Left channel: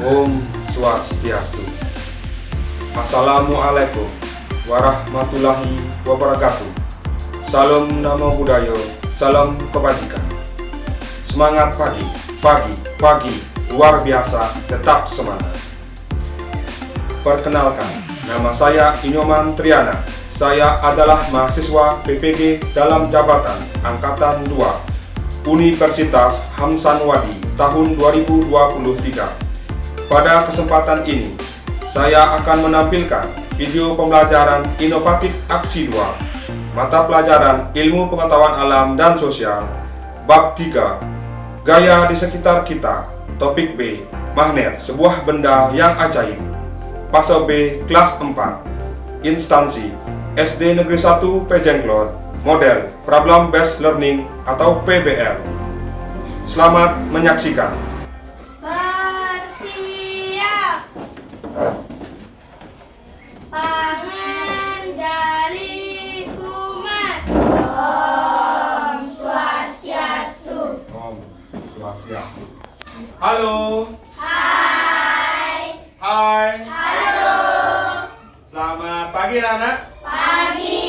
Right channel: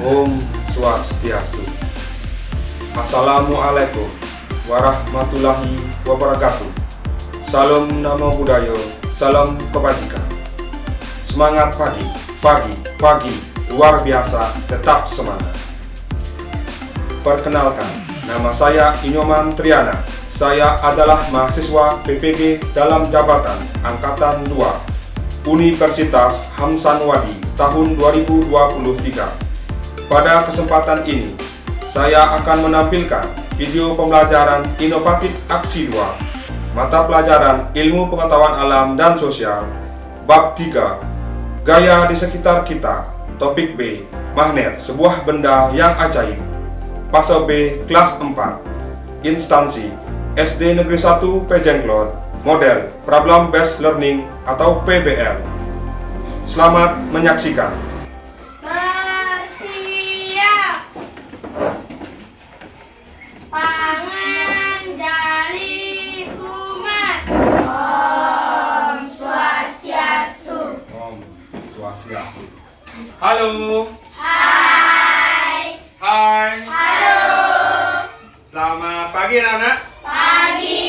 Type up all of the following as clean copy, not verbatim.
Om Swastiastu. Assalamualaikum warahmatullahi wabarakatuh. Salam Namo Buddhaya, salam kebajikan. Semangat pagi, luar biasa, tetap semangat. Perkenalkan, nama saya Inyoman Triana. Saya adalah mahasiswa PPG dalam jabatan Angkatan 2 Universitas Hamsanwadi tahun 2023. Pada kesempatan ini, saya akan menampilkan video pembelajaran inovatif Aksi 2, mata pelajaran Ilmu Pengetahuan Alam dan Sosial, Bab 3, Gaya di Sekitar Kita, Topik B, Magnet, sebuah benda yang ajaib, Fase B, Kelas 4, Instansi, SD Negeri 1 Pejenglot, Model Problem Based Learning atau PBL. Selamat menyaksikan. Halo. Hai. Hai. Halo. Selamat pagi anak-anak. Pagi.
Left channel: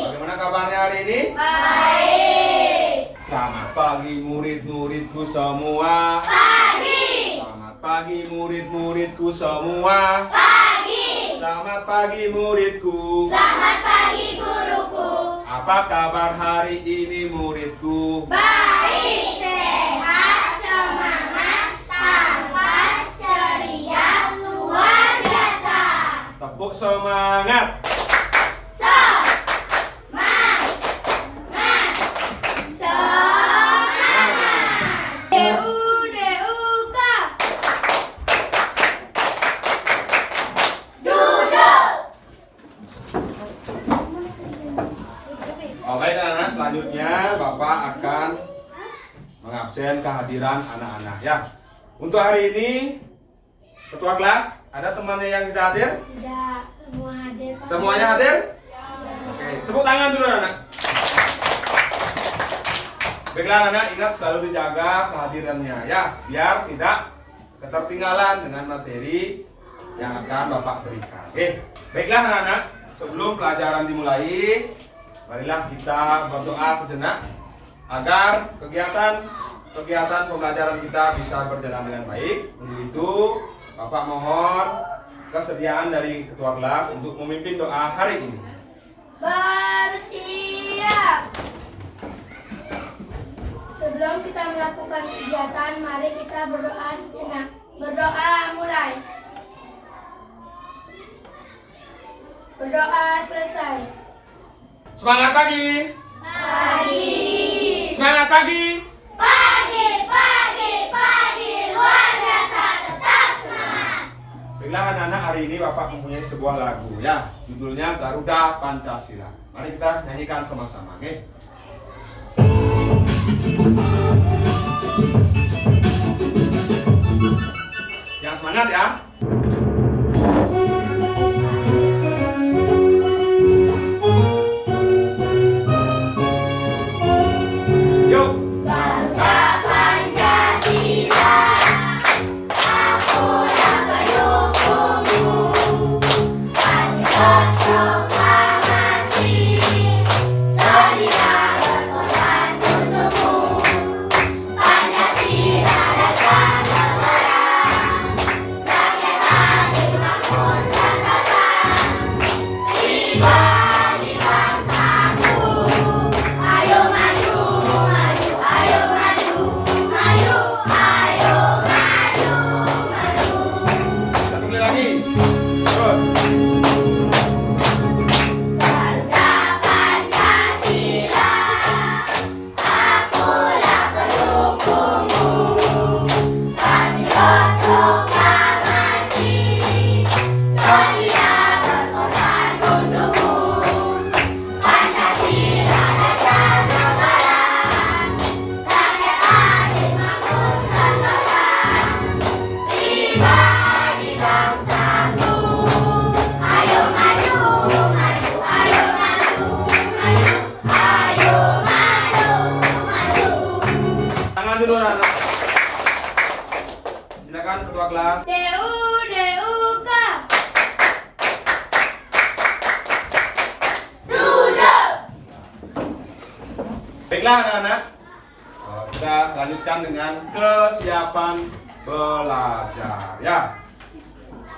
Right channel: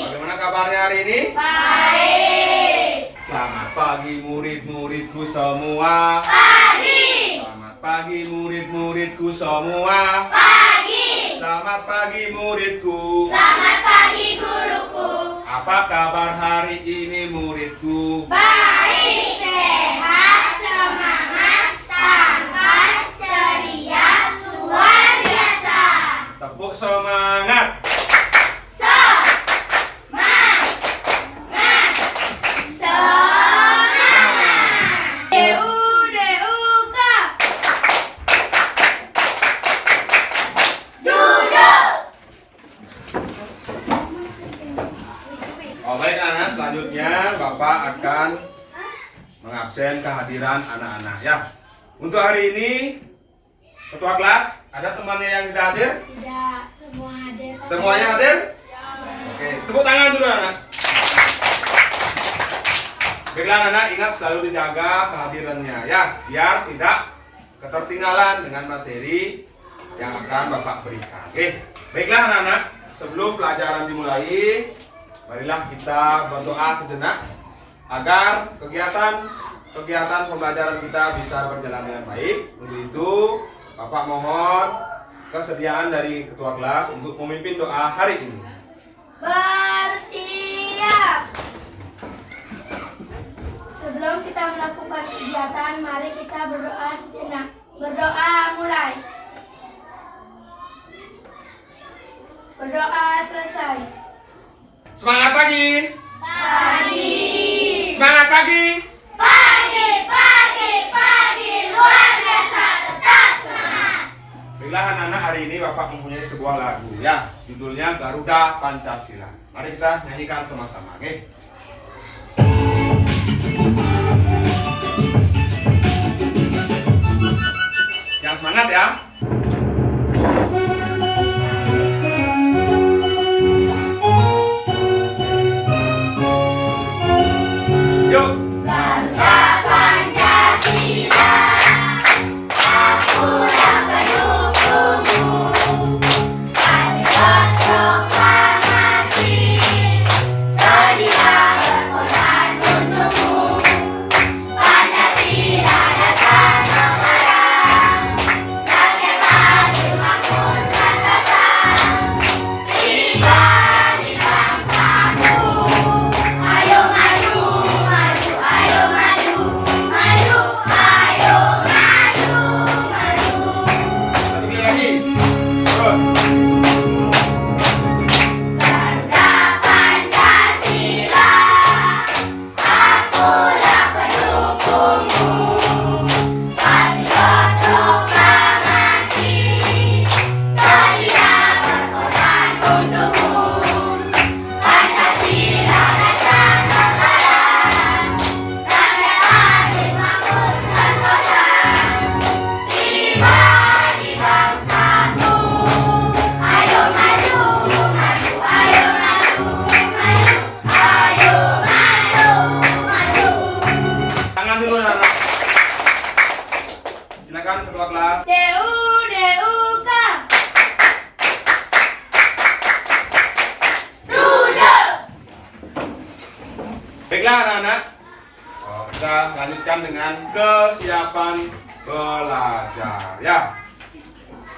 Bagaimana kabarnya hari ini? Baik. Selamat pagi murid-muridku semua. Pagi. Selamat pagi murid-muridku semua. Pagi. Selamat pagi muridku. Selamat pagi guruku. Apa kabar hari ini muridku? Baik, sehat, semangat, tangkas, ceria, luar biasa. Tepuk semangat. Semangat. Semangat. Deuka. Duduk. Oh, baik anak-anak, selanjutnya Bapak akan mengabsen kehadiran anak-anak ya. Untuk hari ini ketua kelas, ada temannya yang tidak hadir? Tidak, semua hadir. Semuanya hadir? Oke, tepuk tangan dulu anak. Baiklah anak, ingat selalu dijaga kehadirannya ya, biar tidak ketertinggalan dengan materi yang akan Bapak berikan. Oke, baiklah anak-anak, sebelum pelajaran dimulai, marilah kita berdoa sejenak agar kegiatan pembelajaran kita bisa berjalan dengan baik. Untuk itu, Bapak mohon kesediaan dari ketua kelas untuk memimpin doa hari ini. Bersiap. Sebelum kita melakukan kegiatan, mari kita berdoa sejenak. Berdoa mulai. Berdoa selesai. Semangat pagi. Pagi. Semangat pagi. Pagi, luar biasa, tetap semangat. Baiklah anak-anak, hari ini Bapak mempunyai sebuah lagu ya, judulnya Garuda Pancasila. Mari kita nyanyikan sama-sama, oke? Yang semangat ya. Yuk. Garuda Pancasila, aku yang pendukungmu. Patriot proklamasi, sedia berkorban untukmu. Pancasila dasar negara, rakyat Silakan ketua kelas. DUK. Baiklah anak-anak, kita lanjutkan dengan kesiapan belajar ya.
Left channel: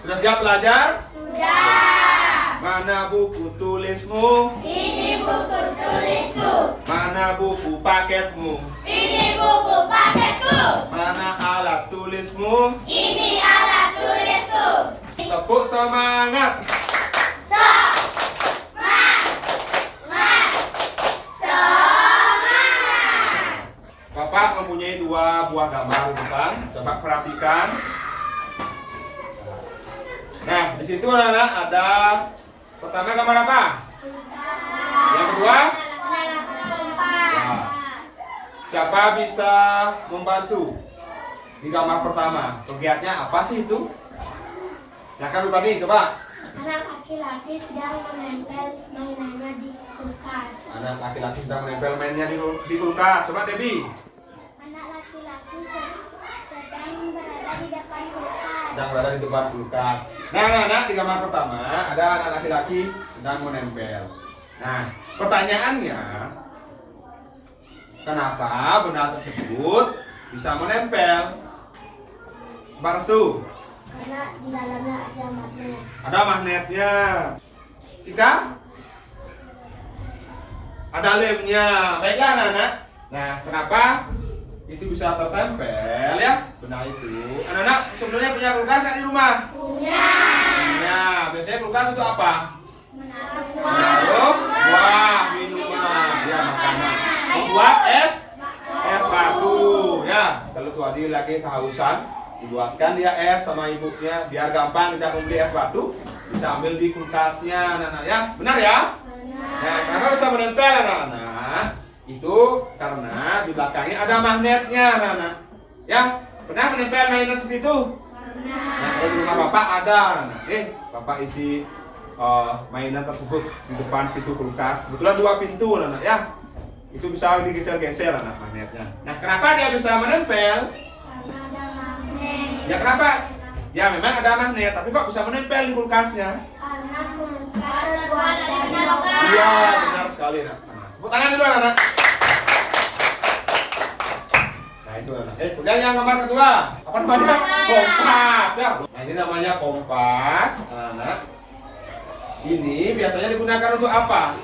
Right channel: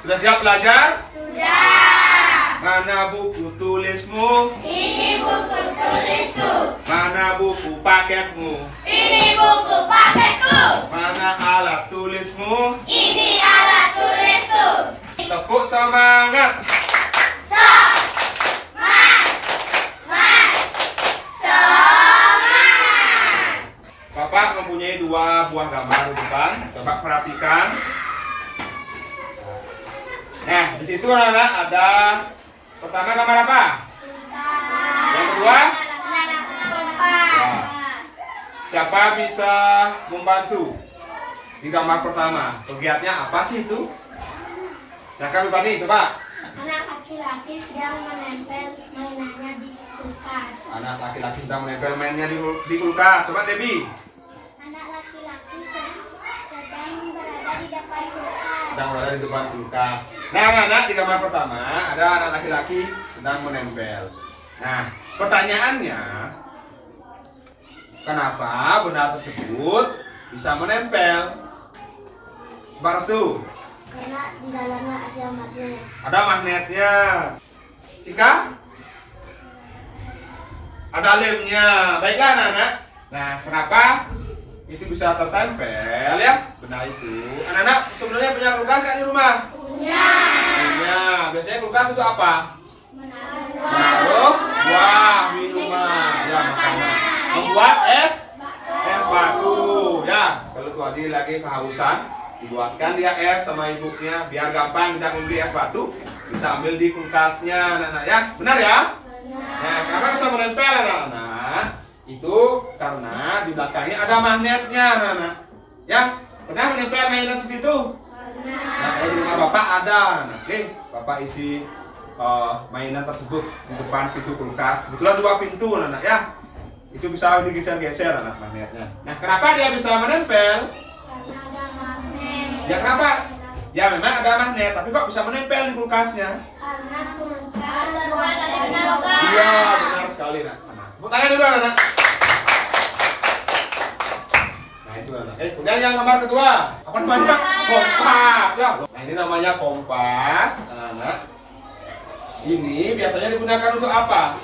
Sudah siap belajar? Sudah. Mana buku tulismu? Ini buku tulisku. Mana buku paketmu? Ini buku paketku. Mana alat tulismu? Ini alat tulisku. Tepuk semangat. Bapak mempunyai dua buah gambar di depan. Coba perhatikan. Nah, di situ anak-anak ada pertama gambar apa? Yang kedua? Nah, siapa bisa membantu di gambar pertama? Kegiatannya apa sih itu? Silakan Bupati, coba. Anak laki-laki sedang menempel mainannya di kulkas. Anak laki-laki sedang menempel mainnya di kulkas. Coba Debbie. Anak laki-laki sedang berada di depan kulkas. Sedang berada di depan kulkas. Nah, anak-anak di gambar pertama ada anak laki-laki sedang menempel. Nah, pertanyaannya, kenapa benda tersebut bisa menempel? Baras tuh. Karena di dalamnya ada magnet. Ada magnetnya. Cika? Ada lemnya. Baiklah anak-anak. Nah, kenapa itu bisa tertempel ya benda itu? Anak-anak sebenarnya punya kulkas kan di rumah? Punya. Punya. Biasanya kulkas itu apa? Menaruh buah minuman, ya makanan. Membuat es batu, ya. Kalau tuh adik lagi kehausan, dibuatkan dia es sama ibunya, biar gampang kita membeli es batu, bisa ambil di kulkasnya, anak-anak ya. Benar ya? Nah, kenapa bisa menempel anak-anak? Itu karena di belakangnya ada magnetnya, anak-anak. Ya, pernah menempel mainan seperti itu? Nah, kalau di rumah bapak ada, anak-anak. Bapak isi mainan tersebut di depan pintu kulkas. Kebetulan dua pintu, anak-anak ya. Itu bisa digeser-geser anak magnetnya. Nah, kenapa dia bisa menempel? Karena ada magnet. Ya kenapa? Ya memang ada magnet, tapi kok bisa menempel di kulkasnya? Karena kulkas terbuat dari benda logam. Iya, benar sekali nak. Tepuk tangan dulu anak. Nah itu anak. Kemudian yang gambar kedua, apa namanya? Kompas ya. Nah ini namanya kompas, anak. Ini biasanya digunakan untuk apa?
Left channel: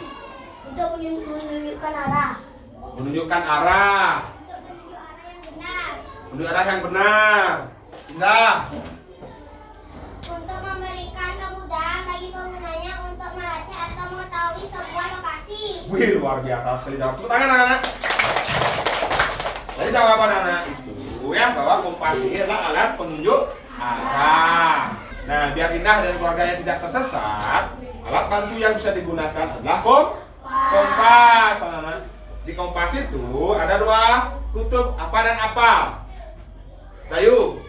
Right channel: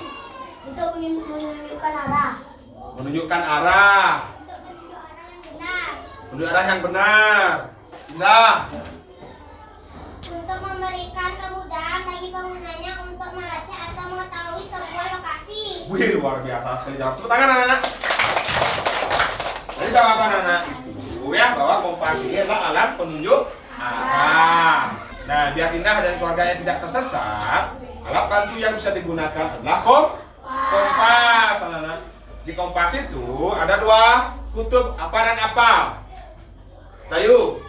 Untuk menunjukkan arah. Menunjukkan arah. Untuk menunjuk arah yang benar. Menunjuk arah yang benar. Indah. Untuk memberikan kemudahan bagi penggunanya untuk melacak atau mengetahui sebuah lokasi. Wih luar biasa sekali jawab. Tepuk tangan anak-anak. Jadi jawaban anak itu ya bahwa kompas ini adalah alat penunjuk arah. Nah biar Indah dan keluarganya tidak tersesat, alat bantu yang bisa digunakan adalah kompas anak-anak. Di kompas itu ada dua kutub, apa dan apa? Tayu.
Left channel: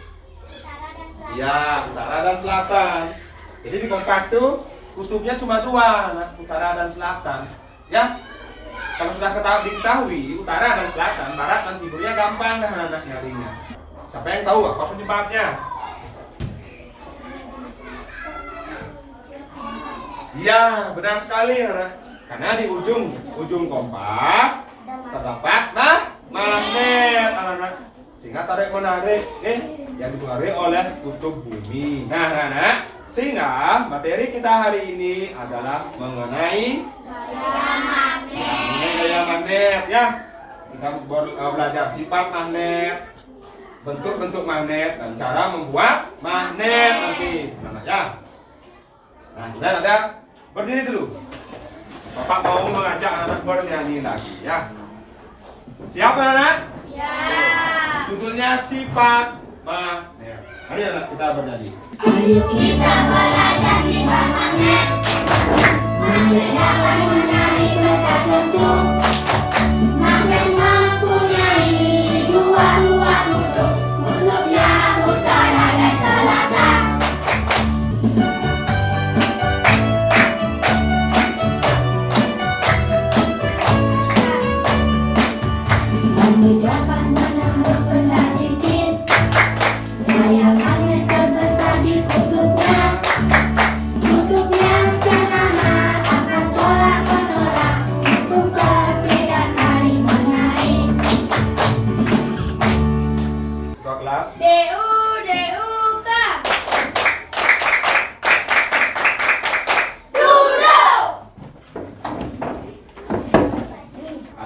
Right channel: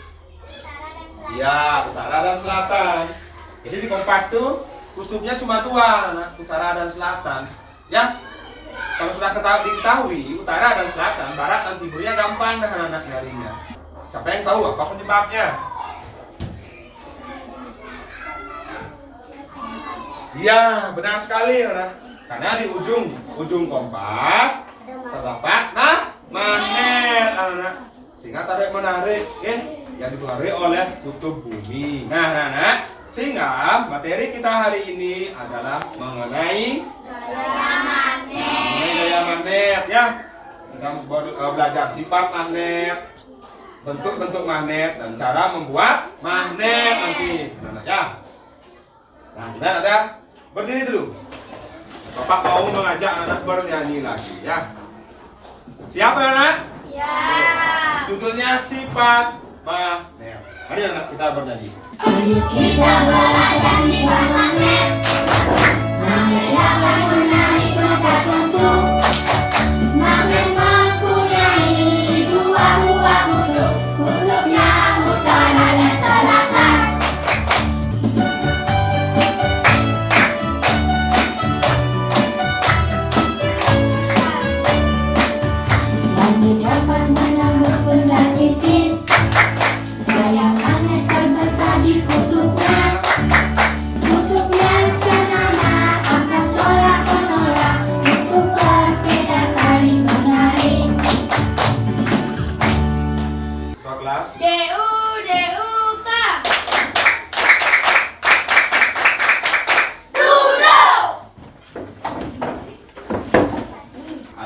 Utara dan selatan. Ya, utara dan selatan. Jadi di kompas tuh kutubnya cuma dua, anak, utara dan selatan. Ya, kalau sudah diketahui utara dan selatan, barat dan timurnya gampang kan anak nyarinya. Siapa yang tahu apa penyebabnya? Iya, benar sekali anak. Karena di ujung kompas terdapat magnet anak. Sehingga tarik menarik yang dipengaruhi oleh kutub bumi. Nah, anak, sehingga materi kita hari ini adalah mengenai gaya magnet ya. Kita baru belajar sifat magnet, bentuk-bentuk magnet dan cara membuat magnet nanti, anak ya. Nah, kemudian ada berdiri dulu. Bapak mau mengajak anak bernyanyi lagi ya. Siap anak? Siap. Judulnya sifat magnet. Mari anak kita bernyanyi. Ayo kita belajar sifat magnet. Magnet dapat menarik benda-benda. Magnet mempunyai dua buah kutub. Kutubnya utara dan selatan. Magnet dapat menembus benda tipis. Gaya DUK.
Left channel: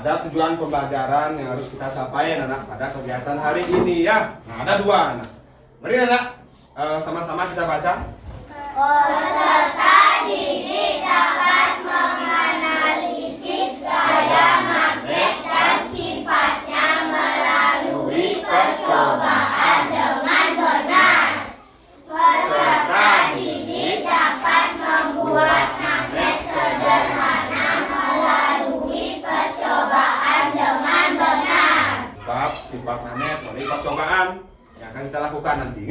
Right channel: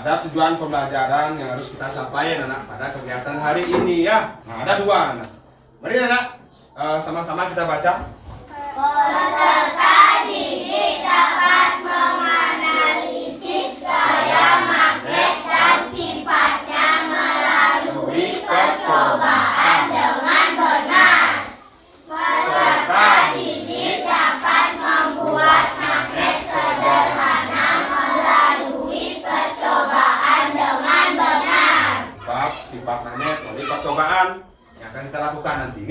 Ada tujuan pembelajaran yang harus kita sampaikan anak pada kegiatan hari ini ya. Nah, ada dua anak. Mari anak sama-sama kita baca. Peserta didik dapat menganalisis gaya magnet dan sifatnya melalui percobaan dengan benar. Peserta didik dapat membuat magnet sederhana melalui percobaan dengan benar. Bab sifat magnet melalui percobaan yang akan kita lakukan nanti.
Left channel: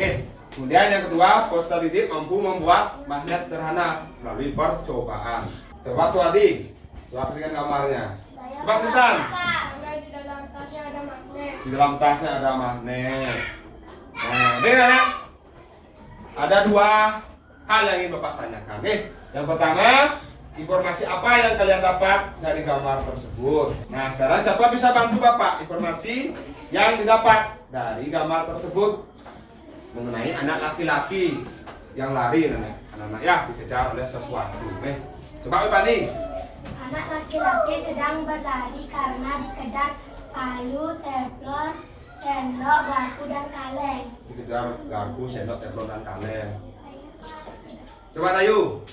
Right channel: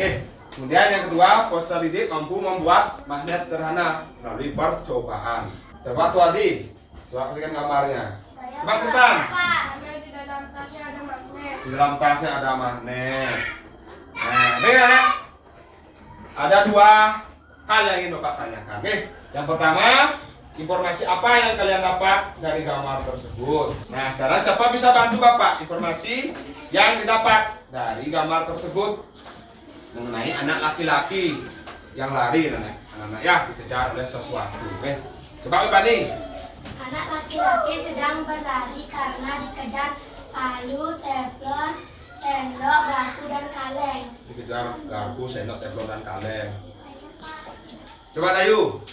Kemudian yang kedua, peserta didik mampu membuat magnet sederhana melalui percobaan. Coba tuh Adi, coba kasihkan gambarnya. Coba Tristan. Di dalam tasnya ada magnet. Di dalam tasnya ada magnet. Nah, beda ya? Ada dua hal yang ingin Bapak tanyakan. Yang pertama, informasi apa yang kalian dapat dari gambar tersebut? Nah, sekarang siapa bisa bantu Bapak informasi yang didapat dari gambar tersebut mengenai anak laki-laki yang lari, anak-anak ya dikejar oleh sesuatu. Coba Bapak nih. Anak laki-laki sedang berlari karena dikejar palu, teflon, sendok, garpu, dan kaleng. Dikejar garpu, sendok, teflon, dan kaleng. Coba Tayu.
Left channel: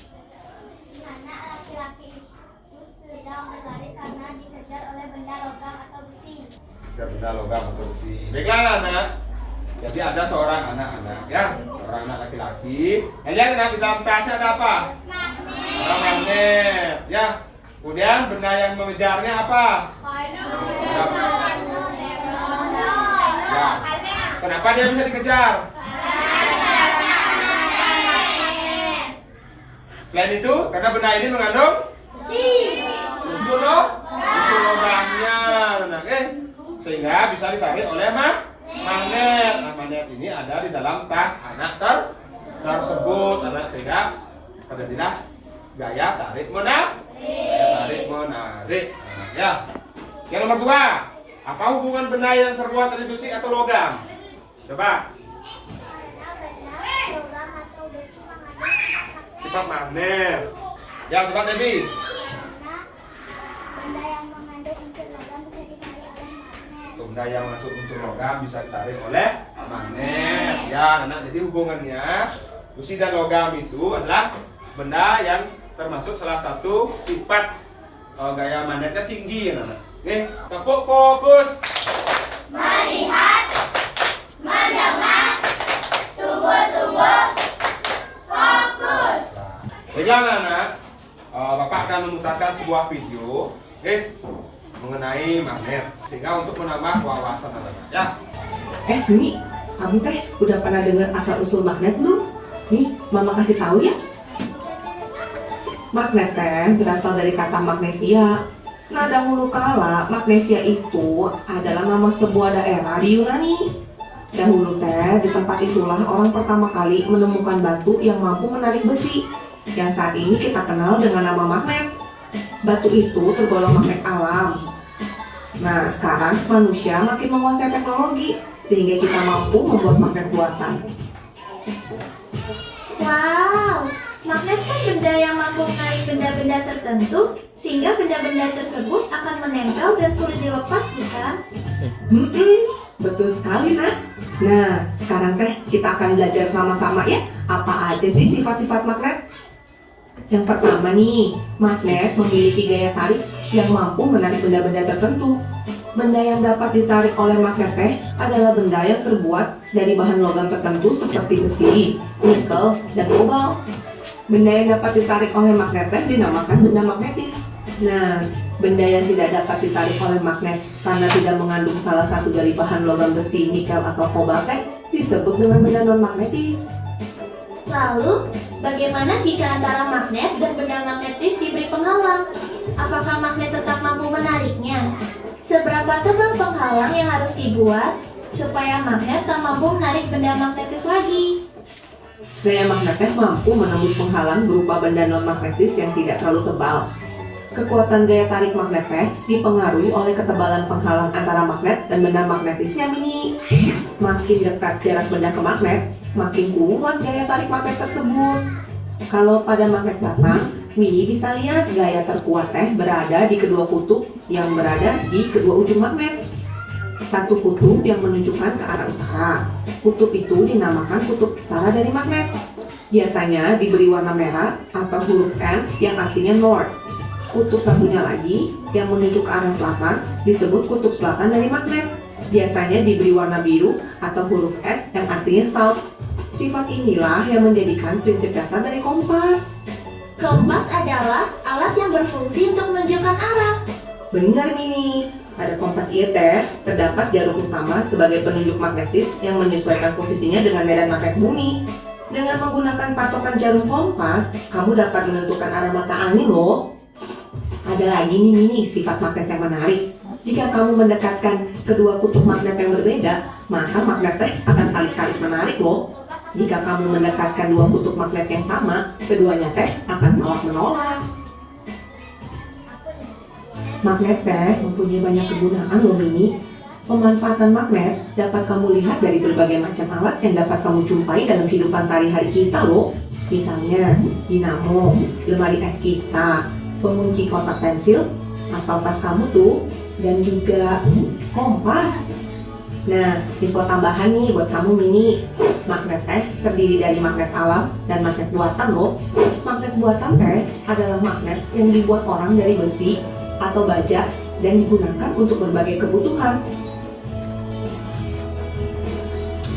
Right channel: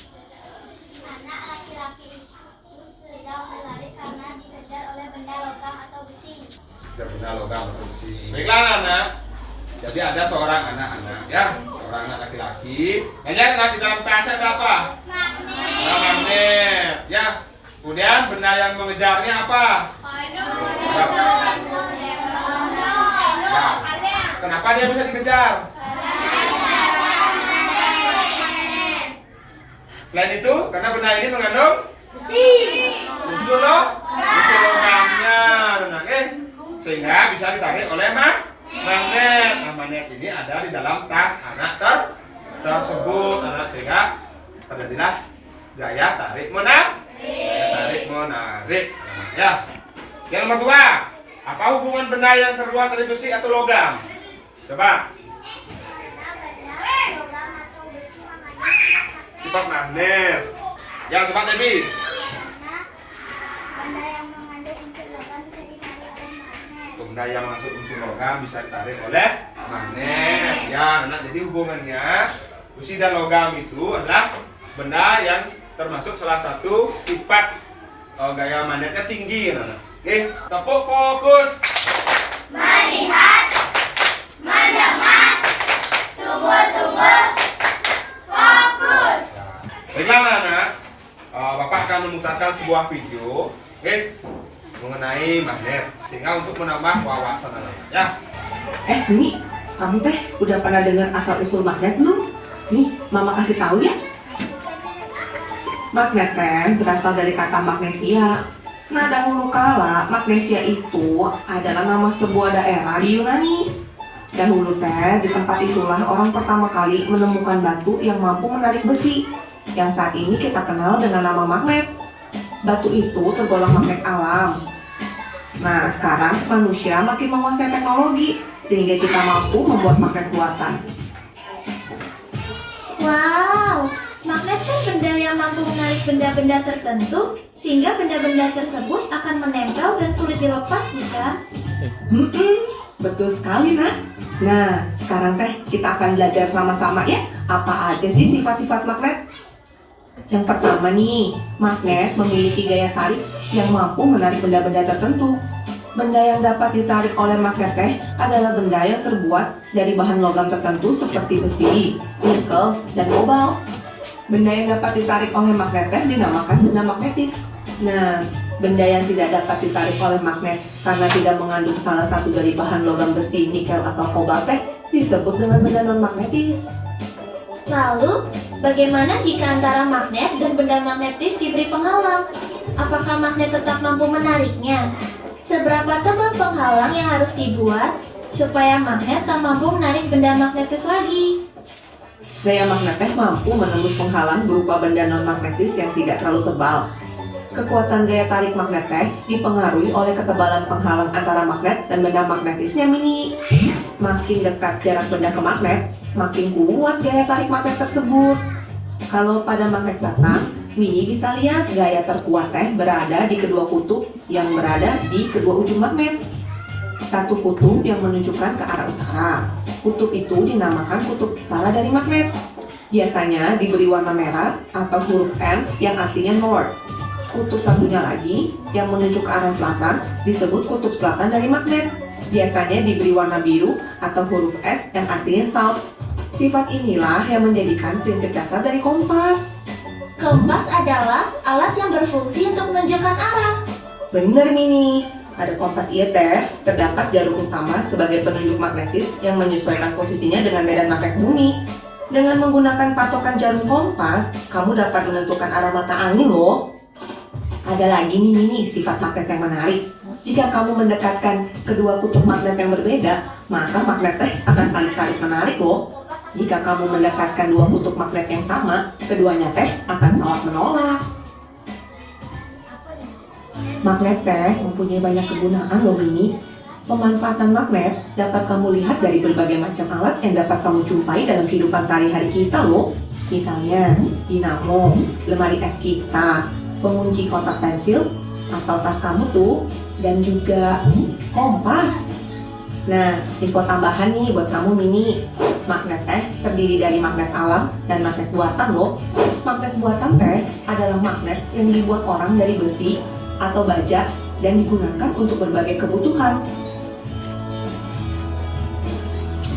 Anak laki-laki itu sedang berlari karena dikejar oleh benda logam atau besi. Benda logam atau besi. Baiklah anak. Jadi ada seorang anak-anak ya, seorang anak laki-laki. Lihat anak di dalam tasnya ada apa? Magnet. Ada magnet. Ya. Kemudian benda yang mengejarnya apa? Ya. Kenapa dia bisa dikejar? Selain itu, karena benda ini mengandung unsur logamnya, sehingga bisa ditarik oleh magnet. Nah, magnet ini ada di dalam tas anak tersebut, sehingga terjadilah gaya tarik menarik. Ya. Yang nomor dua, apa hubungan benda yang terbuat dari besi atau logam? Coba. Sifat magnet. Ya, coba Debbie. Benda yang mengandung unsur logam bisa ditarik oleh magnet. Benda yang mengandung unsur logam bisa ditarik oleh magnet. Ya, anak. Jadi hubungannya besi dan logam itu adalah benda yang termasuk salah satu sifat gaya magnetnya tinggi, anak. Tepuk fokus. Melihat, mendengar, sungguh-sungguh, fokus. Baiklah anak, Bapak akan memutarkan sebuah video mengenai magnet, sehingga untuk menambah wawasan anak-anak ya. Nih, kamu teh udah pernah dengar asal usul magnet belum? Nih, Mama kasih tahu ya. Magnet teh berasal dari kata magnesia. Nah, dahulu kala magnesia itu adalah nama sebuah daerah di Yunani. Dahulu teh di tempat itulah orang pertama kali menemukan batu yang mampu menarik besi, yang saat ini kita kenal dengan nama magnet. Batu itu tergolong magnet alam. Nah, sekarang manusia makin menguasai teknologi sehingga kita mampu membuat magnet buatan. Wow, magnet kan benda yang mampu menarik benda-benda tertentu sehingga benda-benda tersebut akan menempel dan sulit dilepas, bukan? Betul sekali, Nak. Nah, sekarang teh kita akan belajar sama-sama ya, apa aja sih sifat-sifat magnet? Yang pertama nih, magnet memiliki gaya tarik yang mampu menarik benda-benda tertentu. Benda yang dapat ditarik oleh magnet teh adalah benda yang terbuat dari bahan logam tertentu seperti besi, nikel, dan kobalt. Benda yang dapat ditarik oleh magnet teh dinamakan benda magnetis. Nah, benda yang tidak dapat ditarik oleh magnet karena tidak mengandung salah satu dari bahan logam besi, nikel, atau kobalt teh disebut dengan benda non-magnetis. Lalu, bagaimana jika antara magnet dan benda magnetis diberi penghalang? Apakah magnet tetap mampu menariknya? Seberapa tebal penghalang yang harus dibuat supaya magnet tak mampu menarik benda magnetis lagi? Gaya magnet teh mampu menembus penghalang berupa benda non-magnetis yang tidak terlalu tebal. Kekuatan gaya tarik magnet teh dipengaruhi oleh ketebalan penghalang antara magnet dan benda magnetisnya, Mini. Makin dekat jarak benda ke magnet, makin kuat gaya tarik magnet tersebut. Kalau pada magnet batang, Mini bisa lihat gaya terkuat teh berada di kedua kutub yang berada di kedua ujung magnet. Satu kutub yang menunjukkan ke arah utara. Kutub itu dinamakan kutub utara dari magnet. Biasanya diberi warna merah atau huruf N yang artinya north. Kutub satunya lagi yang menunjuk ke arah selatan disebut kutub selatan dari magnet. Biasanya diberi warna biru atau huruf S yang artinya south. Sifat inilah yang menjadikan prinsip dasar dari kompas. Kompas adalah alat yang berfungsi untuk menunjukkan arah. Benar, Mini. Pada kompas ieu teh terdapat jarum utama sebagai penunjuk magnetis yang menyesuaikan posisinya dengan medan magnet bumi. Dengan menggunakan patokan jarum kompas, kamu dapat menentukan arah mata angin loh. Ada lagi nih, Mini, sifat magnet yang menarik. Jika kamu mendekatkan kedua kutub magnet yang berbeda, maka magnet teh akan saling tarik menarik loh. Jika kamu mendekatkan dua kutub magnet yang sama, keduanya teh akan tolak menolak. Magnet teh mempunyai banyak kegunaan loh, Mini. Pemanfaatan magnet dapat kamu lihat dari berbagai macam alat yang dapat kamu jumpai dalam kehidupan sehari-hari kita loh. Misalnya, dinamo, lemari es kita, pengunci kotak pensil, atau tas kamu tuh, dan juga kompas. Nah, info tambahan nih buat kamu, Mini. Magnet teh terdiri dari magnet alam dan magnet buatan loh. Magnet buatan teh adalah magnet yang dibuat orang dari besi atau baja dan digunakan untuk berbagai kebutuhan.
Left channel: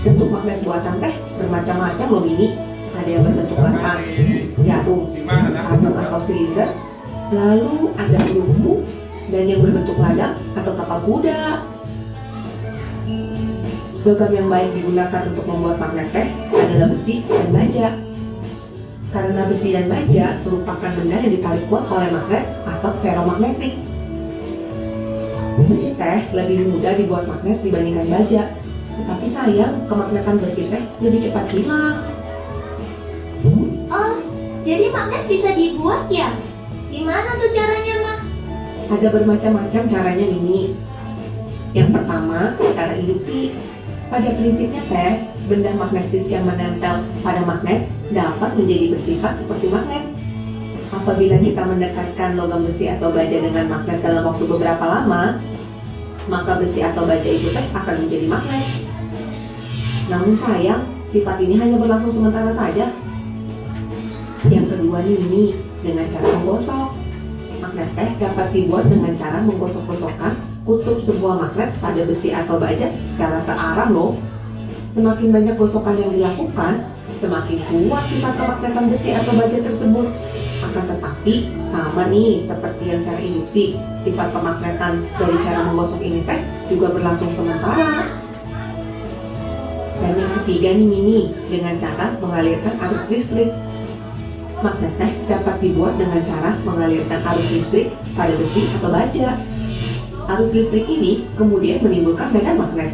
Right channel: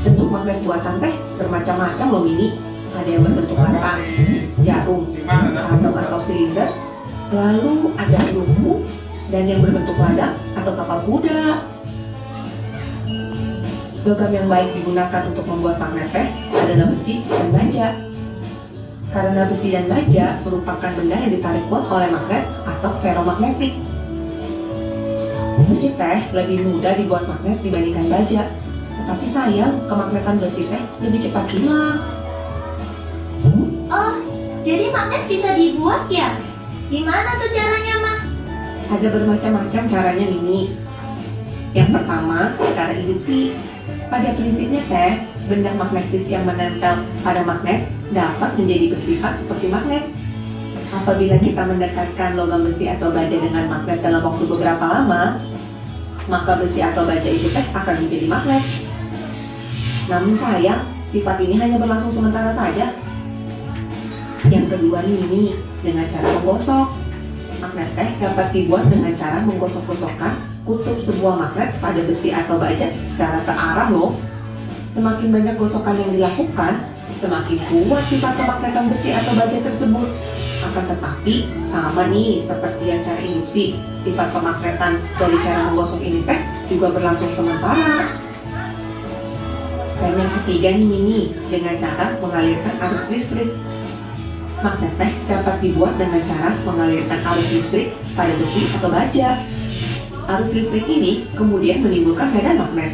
Bentuk magnet buatan teh bermacam-macam loh, Mini. Ada yang berbentuk kotak, jarum, karton atau silinder, lalu ada peluru, dan yang berbentuk ladang atau tapal kuda. Logam yang baik digunakan untuk membuat magnet teh adalah besi dan baja. Karena besi dan baja merupakan benda yang ditarik kuat oleh magnet atau ferromagnetik. Besi teh lebih mudah dibuat magnet dibandingkan baja. Tetapi sayang, kemagnetan besi teh lebih cepat hilang. Oh, jadi magnet bisa dibuat ya? Gimana tuh caranya, Ma? Ada bermacam-macam caranya, Mini. Yang pertama, cara induksi. Pada prinsipnya teh, benda magnetis yang menempel pada magnet dapat menjadi bersifat seperti magnet. Apabila kita mendekatkan logam besi atau baja dengan magnet dalam waktu beberapa lama, maka besi atau baja itu teh akan menjadi magnet. Namun sayang, sifat ini hanya berlangsung sementara saja. Yang kedua nih, dengan cara menggosok. Magnet teh dapat dibuat dengan cara menggosok-gosokkan kutub sebuah magnet pada besi atau baja secara searah loh. Semakin banyak gosokan yang dilakukan, semakin kuat sifat kemagnetan besi atau baja tersebut. Akan tetapi, sama nih seperti yang cara induksi, sifat kemagnetan dari cara menggosok ini teh juga berlangsung sementara. Dan yang ketiga nih, Mini, dengan cara mengalirkan arus listrik. Magnet teh dapat dibuat dengan cara mengalirkan arus listrik pada besi atau baja. Arus listrik ini kemudian menimbulkan medan magnet.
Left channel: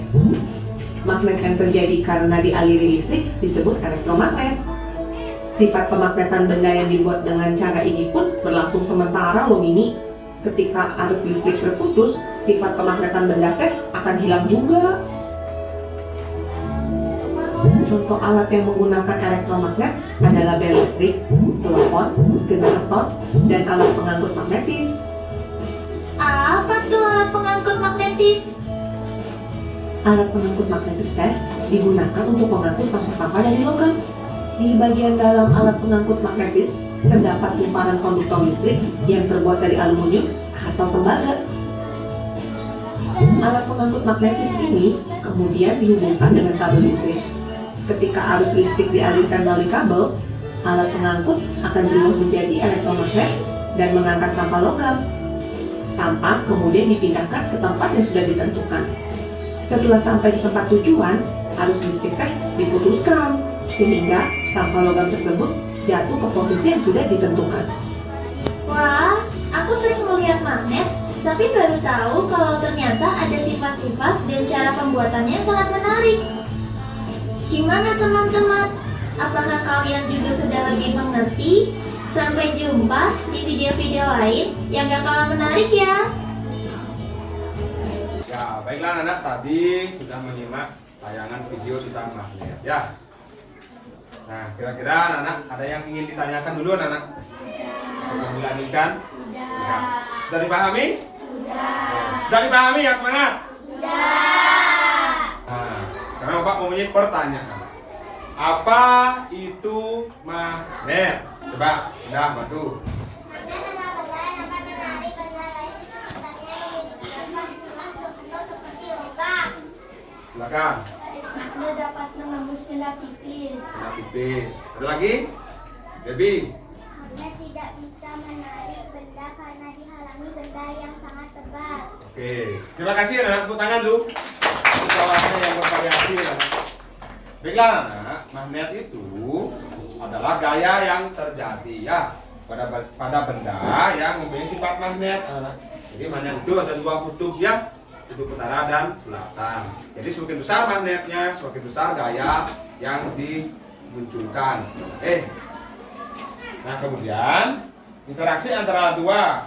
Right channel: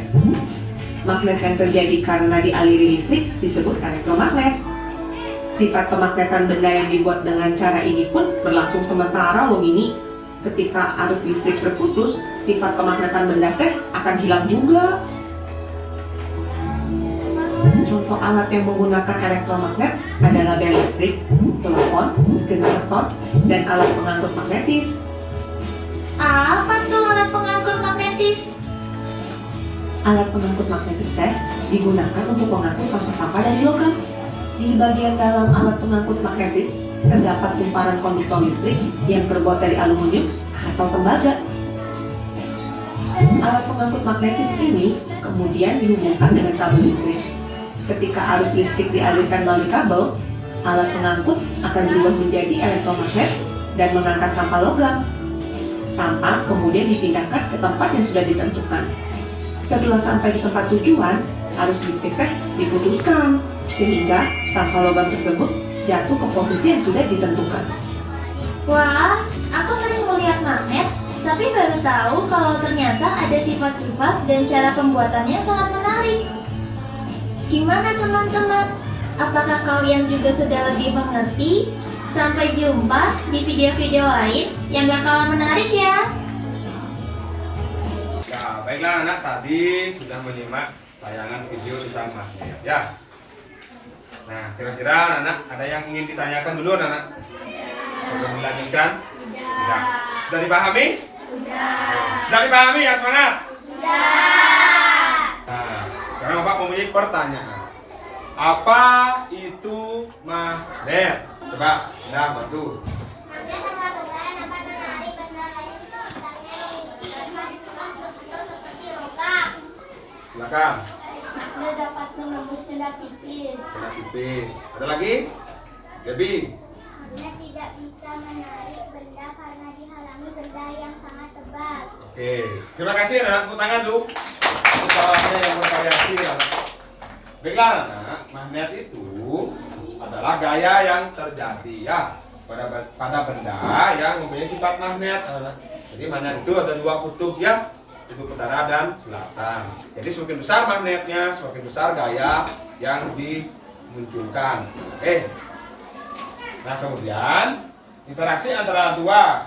Magnet yang terjadi karena dialiri listrik disebut elektromagnet. Sifat kemagnetan benda yang dibuat dengan cara ini pun berlangsung sementara loh, Mini. Ketika arus listrik terputus, sifat kemagnetan benda teh akan hilang juga. Contoh alat yang menggunakan elektromagnet adalah bel listrik, telepon, generator, dan alat pengangkut magnetis. Apa tuh alat pengangkut magnetis? Alat pengangkut magnetis teh digunakan untuk mengangkut sampah-sampah dari logam. Di bagian dalam alat pengangkut magnetis terdapat kumparan konduktor listrik yang terbuat dari aluminium atau tembaga. Alat pengangkut magnetis ini kemudian dihubungkan dengan kabel listrik. Ketika arus listrik dialirkan melalui kabel, alat pengangkut akan berubah menjadi elektromagnet dan mengangkat sampah logam. Sampah kemudian dipindahkan ke tempat yang sudah ditentukan. Setelah sampai di tempat tujuan, arus listrik teh diputuskan sehingga sampah logam tersebut jatuh ke posisi yang sudah ditentukan. Wah, aku sering melihat magnet, tapi baru tahu kalau ternyata ada sifat-sifat dan cara pembuatannya sangat menarik. Gimana teman-teman? Apakah kalian juga sudah lebih mengerti Sampai jumpa di video-video lain yang gak kalah menarik ya. Ya, baiklah anak, tadi sudah menyimak tayangan video tentang magnet ya. Nah, kira-kira anak ada yang ingin ditanyakan dulu anak? Sebelum dilanjutkan? Ya. Sudah dipahami? Sudah dipahami ya, semangat? Nah, sekarang Bapak mempunyai pertanyaan. Apa itu magnet? Coba, udah bantu. Magnet adalah benda yang dapat menarik benda lain di sekitarnya yang dibentuk seperti logam. Silakan. Magnet dapat menembus benda tipis. Benda tipis. Ada lagi? Gaby. Magnet tidak bisa menarik benda karena dihalangi benda yang sangat tebal. Oke, terima kasih anak. Tepuk tangan dulu. Suaranya yang bervariasi anak. Baiklah anak, magnet itu adalah gaya yang terjadi ya pada benda yang mempunyai sifat magnet anak. Jadi magnet itu ada dua kutub ya, kutub utara dan selatan. Jadi semakin besar magnetnya, semakin besar gaya yang dimunculkan. Oke. Nah kemudian interaksi antara dua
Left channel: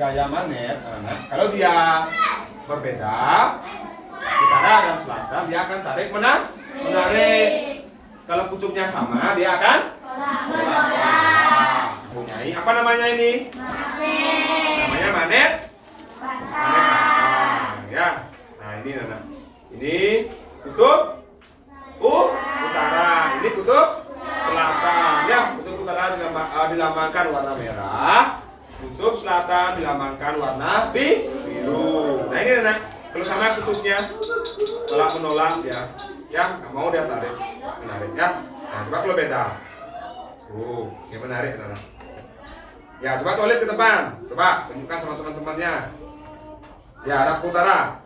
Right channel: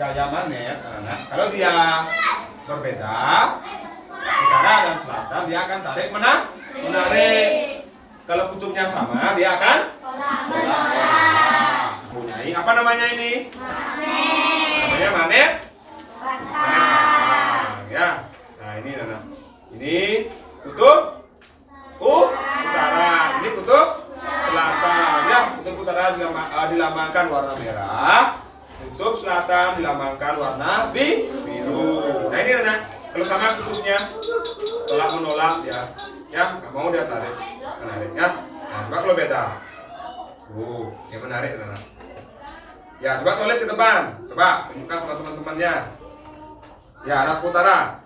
gaya magnet anak, kalau dia berbeda utara dan selatan dia akan tarik menarik. Kalau kutubnya sama dia akan mempunyai apa namanya ini? Namanya magnet. Ya. Nah ini anak. Ini kutub utara, ini kutub selatan. Ya, kutub utara dilambangkan warna merah, kutub selatan dilambangkan warna biru. Nah ini anak. Kalau sama kutubnya tolak menolak ya nggak mau dia tarik menarik ya. Nah coba kalau beda, dia menarik anak. Ya coba tulis di depan, coba tunjukkan sama teman-temannya. Ya arah utara.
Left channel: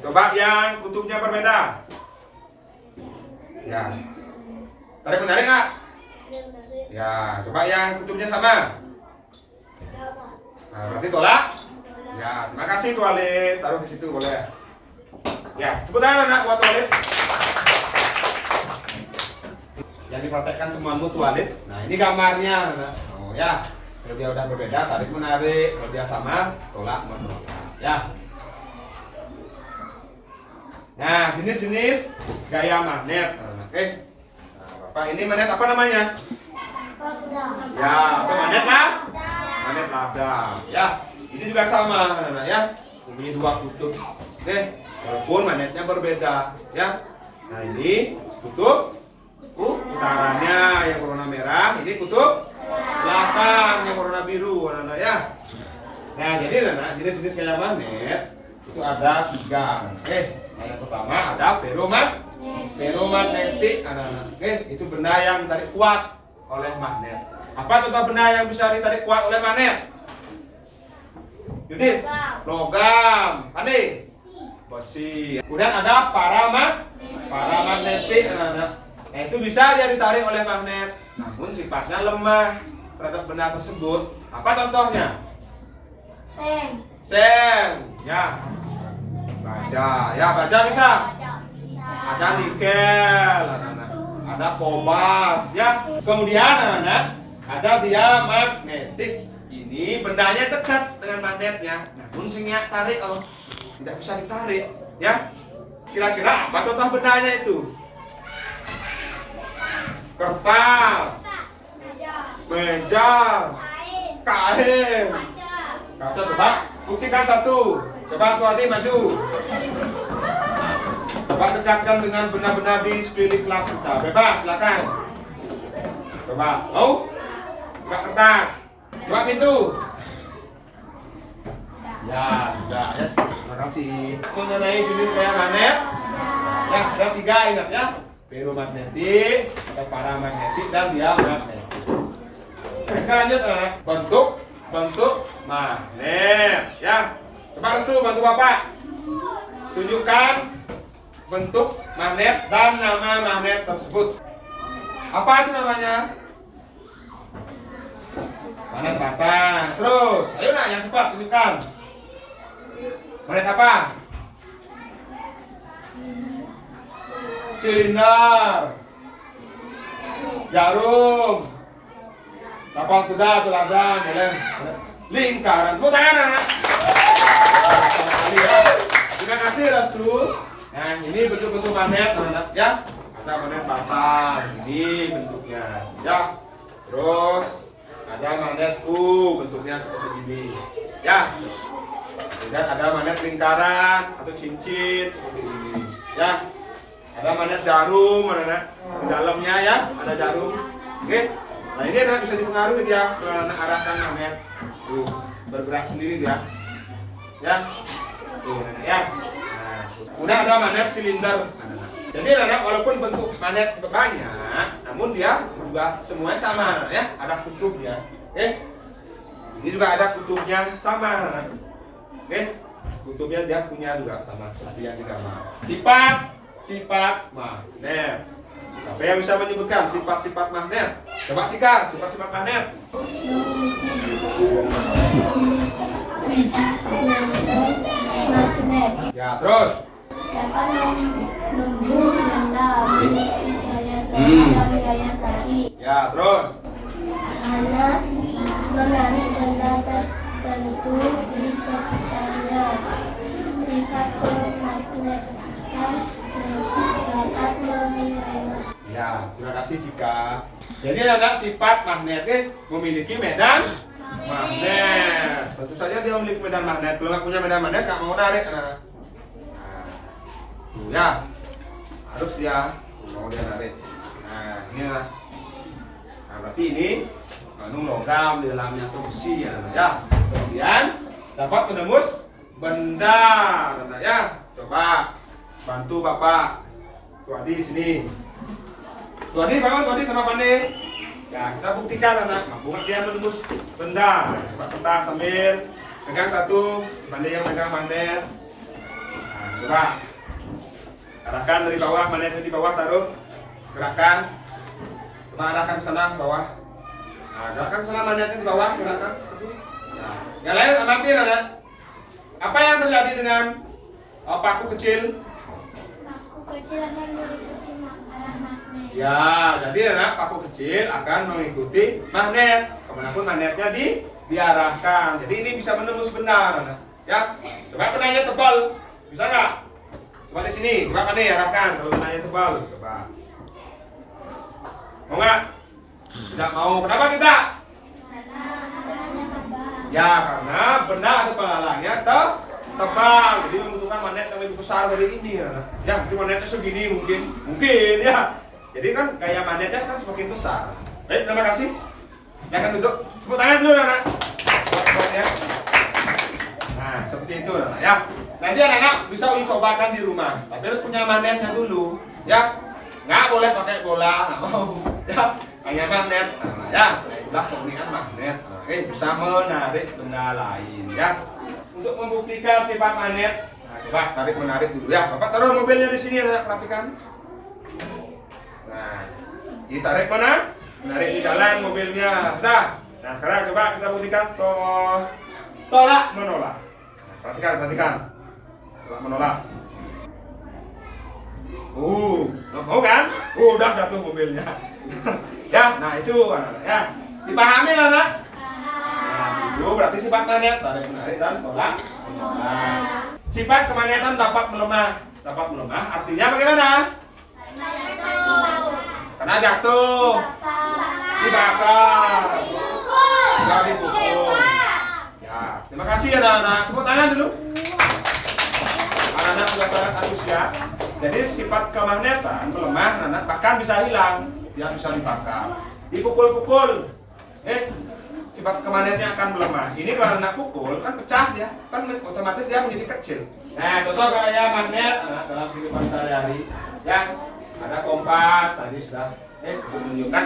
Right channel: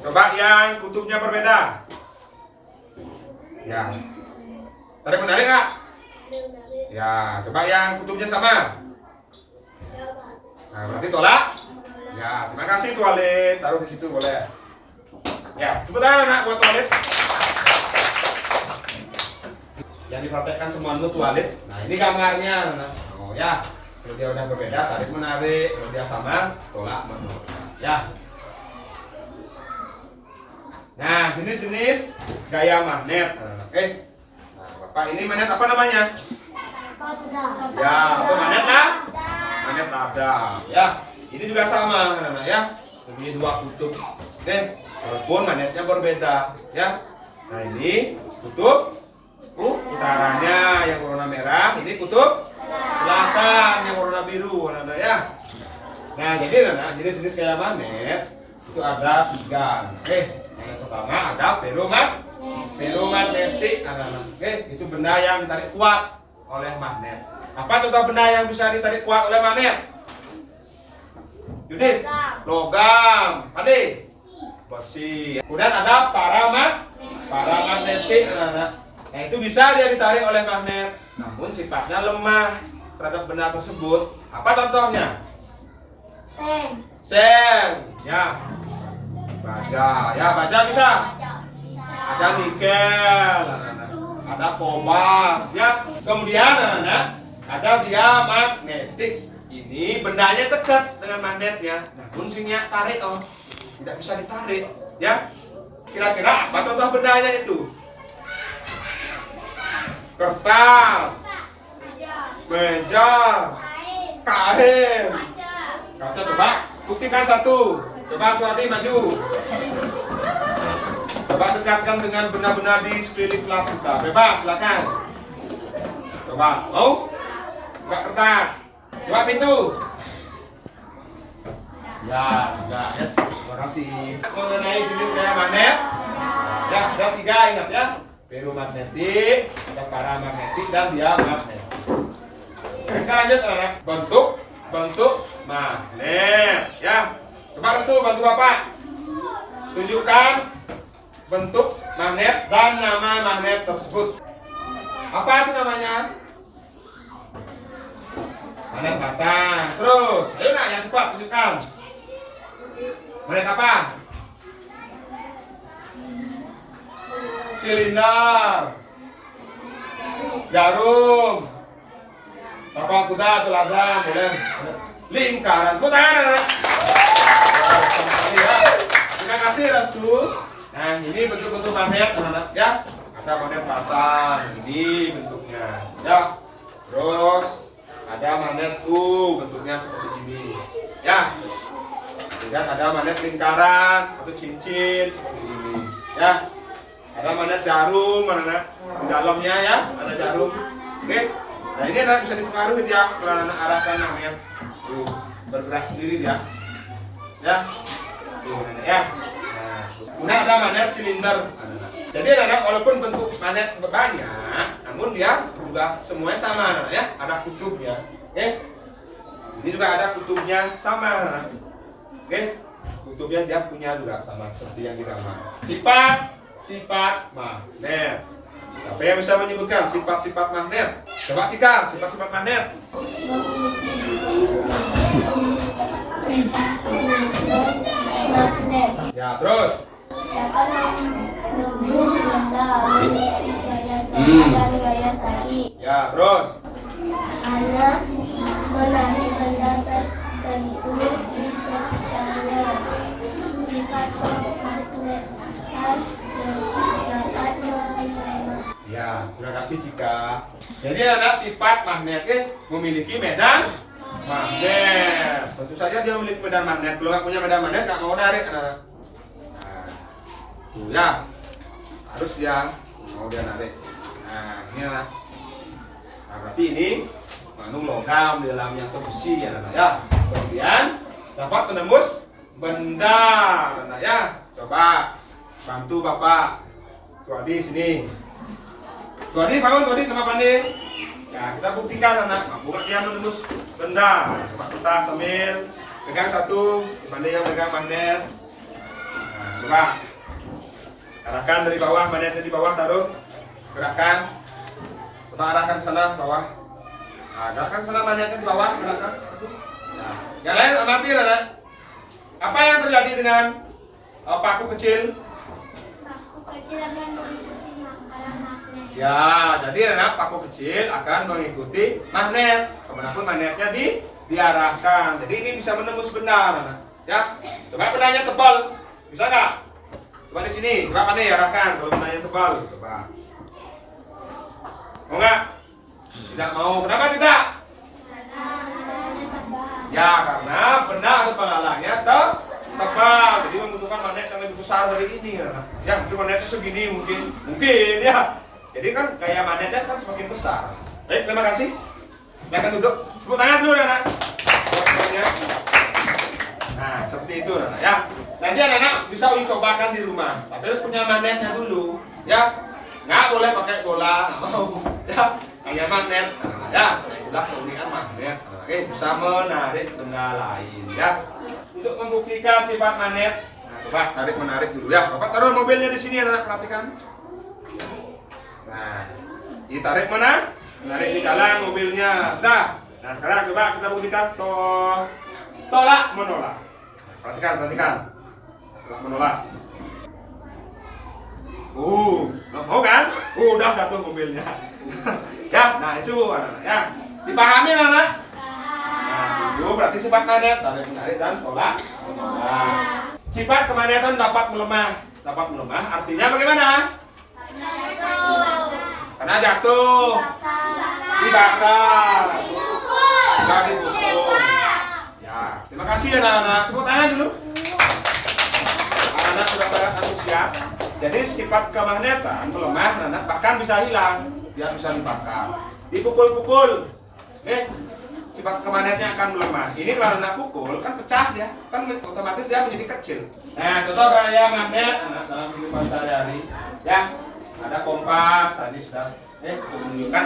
Coba yang kutubnya berbeda. Ya tarik menarik nggak? Ya coba yang kutubnya sama. Nah berarti tolak. Ya, terima kasih toilet. Taruh di situ boleh. Ya, tepuk tangan anak buat toilet. Yang dipraktekkan semuanya toilet. Nah, ini gambarnya anak. Oh ya, kalau dia udah berbeda tarik menarik, kalau dia sama tolak menolak. Ya. Nah, jenis-jenis gaya magnet. Oke. Nah, Bapak ini magnet apa namanya? Ya, atau magnet lah? Magnet lada. Ya. Ini juga sama anak-anak ya, mempunyai dua kutub. Oke, walaupun magnetnya berbeda ya. Nah ini kutub utaranya yang warna merah, ini kutub selatan yang warna biru anak-anak ya. Nah jadi anak-anak jenis-jenis gaya magnet itu ada 3. Oke, yang pertama ada feromagnetik anak-anak. Oke, itu benda yang ditarik kuat oleh magnet. Apa contoh benda yang bisa ditarik kuat oleh magnet? Yudis, logam, Ade, besi. Kemudian ada paramagnetik, anak-anak. Nah itu bisa dia ditarik oleh magnet, namun sifatnya lemah terhadap benda tersebut. Apa contohnya? Seng, ya. Baja bisa. Ada nikel, anak-anak. Ada kobalt, ya. Kemudian anak-anak ada diamagnetik. Ini bendanya dekat dengan magnetnya, namun sinyal tarik tidak bisa ditarik, ya. Kira-kira apa contoh bendanya itu? Kertas, meja, kain. Kaca coba buktikan satu. Coba tuh adik maju. Coba dekatkan dengan benda-benda di sekeliling kelas kita. Bebas, silakan. Coba, mau? Buka kertas. Coba pintu. Ya, enggak ya. Terima kasih. Mengenai jenis gaya magnet, ya ada 3 ingat ya. Feromagnetik, ada paramagnetik dan diamagnetik. Kita lanjut anak. Bentuk magnet, ya. Coba restu bantu Bapak. Tunjukkan bentuk magnet dan nama magnet tersebut. Apa itu namanya? Magnet batang. Terus, ayo nak yang cepat tunjukkan. Magnet apa? Silinder. Jarum. Tapang kuda, teladan, boleh. Lingkaran. Tepuk tangan anak-anak. Terima kasih Rastu. Nah ini bentuk-bentuk magnet anak-anak ya. Ada magnet patah, ini bentuknya ya. Terus ada magnet bentuknya seperti ini ya. Dan ada magnet lingkaran atau cincin seperti ini ya. Ada magnet jarum anak-anak di dalamnya ya, ada jarum. Oke. Nah ini anak bisa dipengaruhi dia kalau anak arahkan magnet. Tuh, bergerak sendiri dia. Ya. Tuh, anak ya. Nah, kemudian ada magnet silinder. Jadi anak walaupun bentuk magnet banyak, namun dia juga semuanya sama anak ya. Ada kutubnya. Ini juga ada kutubnya sama anak. Oke. Kutubnya dia punya juga sama seperti yang di gambar. Sifat magnet. Siapa yang bisa menyebutkan sifat-sifat magnet? Coba Cika, sifat-sifat magnet. Magnet Ya, terus. dapat menembus benda, memiliki gaya tarik dan gaya tarik. Ya, terus. Karena menarik benda tertentu di sekitarnya. Sifat magnet dapat melemah. Ya, terima kasih Cika. Jadi anak sifat magnet memiliki medan magnet. Tentu saja dia memiliki medan magnet. Kalau nggak punya medan magnet nggak mau narik anak. Nah, tuh ya, harus dia mau dia narik. Nah, inilah. Nah, berarti ini mengandung logam di dalamnya atau besi ya anak ya. Kemudian dapat menembus benda anak ya. Coba bantu Bapak. Tuadi sini. Tuadi bangun, Tuadi sama Pande. Ya, kita buktikan anak, mampu nggak dia menembus benda. Coba kita sambil pegang satu, Pande yang pegang magnet. Nah, coba arahkan dari bawah, magnetnya di bawah taruh, gerakkan. Coba arahkan ke sana bawah. Nah, arahkan sana magnetnya di bawah, gerakkan satu. Nah, yang lain amati anak. Apa yang terjadi dengan paku kecil? Paku kecil akan mengikuti arah magnet. Ya, jadi anak paku kecil akan mengikuti magnet. Kemanapun magnetnya diarahkan. Jadi ini bisa menembus benda, anak. Ya, coba bendanya tebal, bisa nggak? Coba di sini, coba pandai arahkan. Kalau bendanya tebal, coba. Mau nggak? Tidak mau. Kenapa tidak? Ya, karena benda atau penghalangnya tebal, jadi membutuhkan magnet yang lebih besar dari ini, anak. Ya, mungkin magnetnya segini, mungkin ya. Jadi kan gaya magnetnya kan semakin besar. Baik, terima kasih. Silakan duduk. Tepuk tangan dulu, anak. Nah, seperti itu, anak ya. Nanti anak-anak bisa uji cobakan di rumah, tapi harus punya magnetnya dulu, ya. Nggak boleh pakai bola, nggak mau, ya. Hanya magnet, anak, ya. Itulah keunikan magnet. Bisa menarik benda lain, ya. Untuk membuktikan sifat magnet, nah, coba tarik menarik dulu ya. Bapak taruh mobilnya di sini, anak perhatikan. Nah, ditarik mana? Menarik di jalan mobilnya. Sudah. Nah, sekarang coba kita buktikan tolak menolak. Nah, perhatikan. Tolak menolak. Mau kan? Udah satu mobilnya. Ya, nah itu anak-anak ya. Dipahami anak? Nah, itu berarti sifat magnet, tarik menarik dan tolak. Nah, sifat kemagnetan dapat melemah. Dapat melemah artinya bagaimana? Karena jatuh, dibakar, dipukul. Ya, terima kasih anak-anak. Tepuk tangan dulu. Anak-anak sudah sangat antusias. Jadi sifat kemagnetan melemah, anak bahkan bisa hilang. Dia bisa dibakar, dipukul-pukul. Sifat kemagnetnya akan melemah. Ini kalau anak pukul kan pecah ya, kan otomatis dia menjadi kecil. Nah, contoh kayak magnet anak dalam kehidupan sehari-hari, ya ada kompas tadi sudah, untuk menunjukkan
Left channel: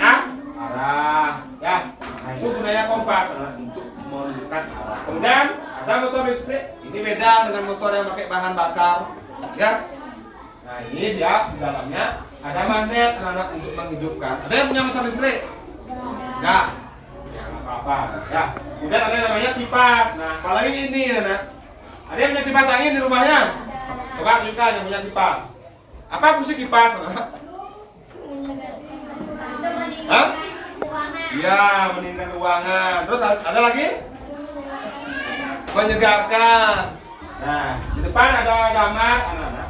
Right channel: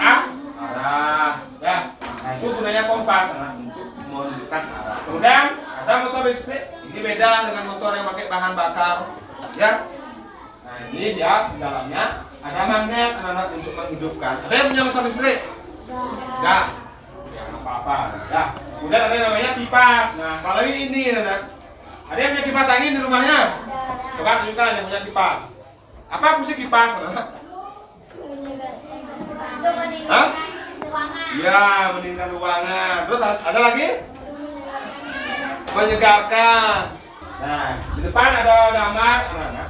arah, ya. Nah itu gunanya kompas anak untuk menunjukkan arah. Kemudian ada motor listrik. Ini beda dengan motor yang pakai bahan bakar, ya. Nah ini dia di dalamnya ada magnet anak untuk menghidupkan. Ada yang punya motor listrik? Enggak. Ya apa-apa. Ya. Kemudian ada yang namanya kipas. Nah kalau ini anak, ada yang punya kipas angin di rumahnya? Coba tunjukkan yang punya kipas. Apa fungsi kipas? Hah? Ya, meningkatkan ruangan. Terus ada lagi? Menyegarkan. Nah, di depan ada gambar anak-anak.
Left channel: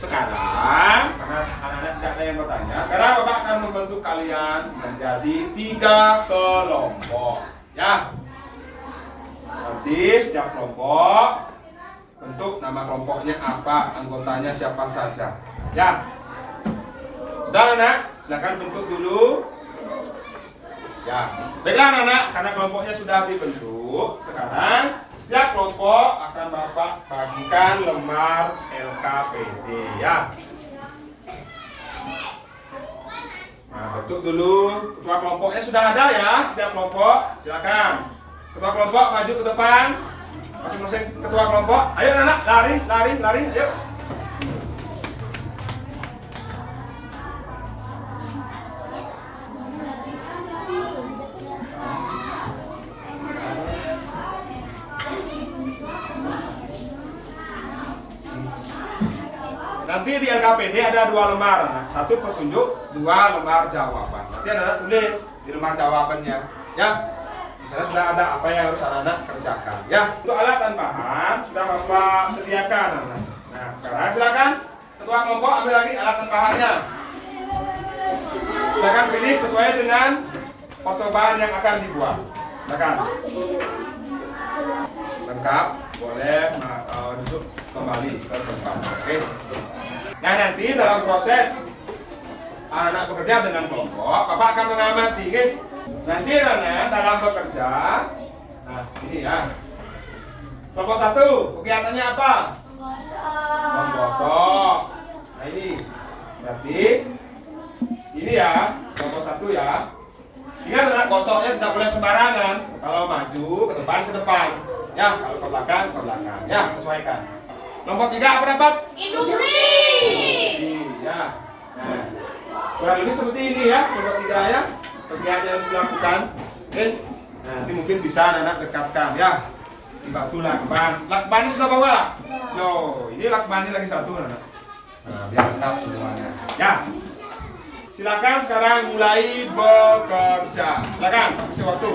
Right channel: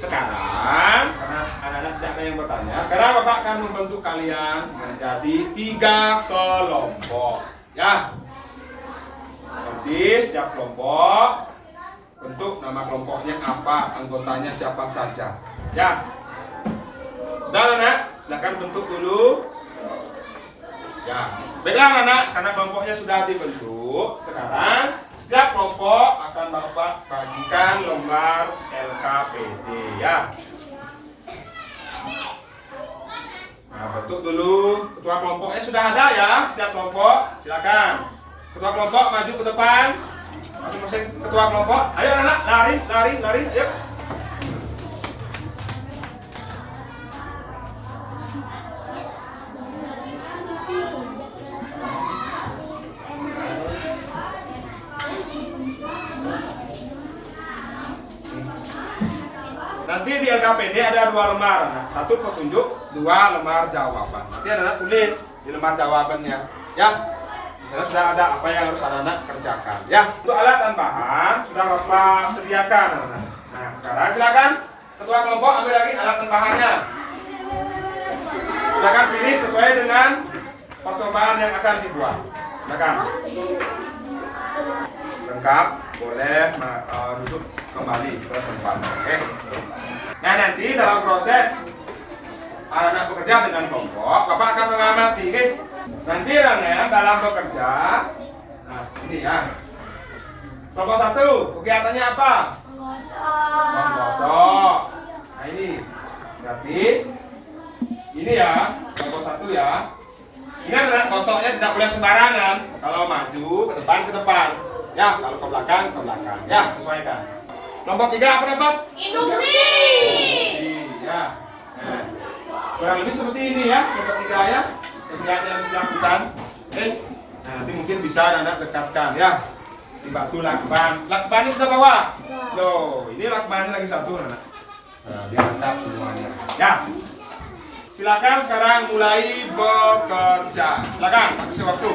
Sekarang, karena anak-anak tidak ada yang bertanya, sekarang Bapak akan membantu kalian menjadi 3 kelompok. Ya. Nanti setiap kelompok bentuk nama kelompoknya apa, anggotanya siapa saja. Ya. Sudah anak, silakan bentuk dulu. Ya, baiklah anak, karena kelompoknya sudah dibentuk, sekarang setiap kelompok akan Bapak bagikan lembar LKPD ya. Nah, bentuk dulu. Ketua kelompoknya sudah ada ya, setiap kelompok. Silakan. Ketua kelompok maju ke depan. Masing-masing ketua kelompok. Ayo anak, lari, ayo. Nanti di LKPD ada 2 lembar, satu petunjuk, 2 lembar jawaban. Nanti anak-anak tulis di lembar jawabannya, ya. Di sana sudah ada apa yang harus anak-anak kerjakan, ya. Untuk alat dan bahan sudah Bapak sediakan, anak-anak. Nah, sekarang silakan ketua kelompok ambil lagi alat dan bahannya. Silakan pilih sesuai dengan percobaan yang akan dibuat. Silakan. Lengkap, boleh duduk kembali ke tempat. Oke. Nah, nanti dalam proses anak-anak bekerja dengan kelompok, Bapak akan mengamati, oke? Nanti dalam bekerja, nah ini ya. Kelompok 1, kegiatannya apa? Menggosok. Nah ini, berarti ini ya, kelompok 1 ya. Ini anak gosoknya tidak boleh sembarangan. Kalau maju ke depan. Ya, kalau ke belakang. Ya, sesuaikan. Kelompok 3 apa dapat? Induksi. Ya. Nah, kurang lebih seperti ini ya, kelompok 3 ya. Kegiatan yang dilakukan. Oke. Nah, nanti mungkin bisa anak dekatkan ya. Dibantu lakban. Lakbannya sudah bawa? No, ini lakbannya lagi satu anak. Nah, biar lengkap semuanya. Ya. Silakan sekarang mulai bekerja. Silakan, kasih waktu.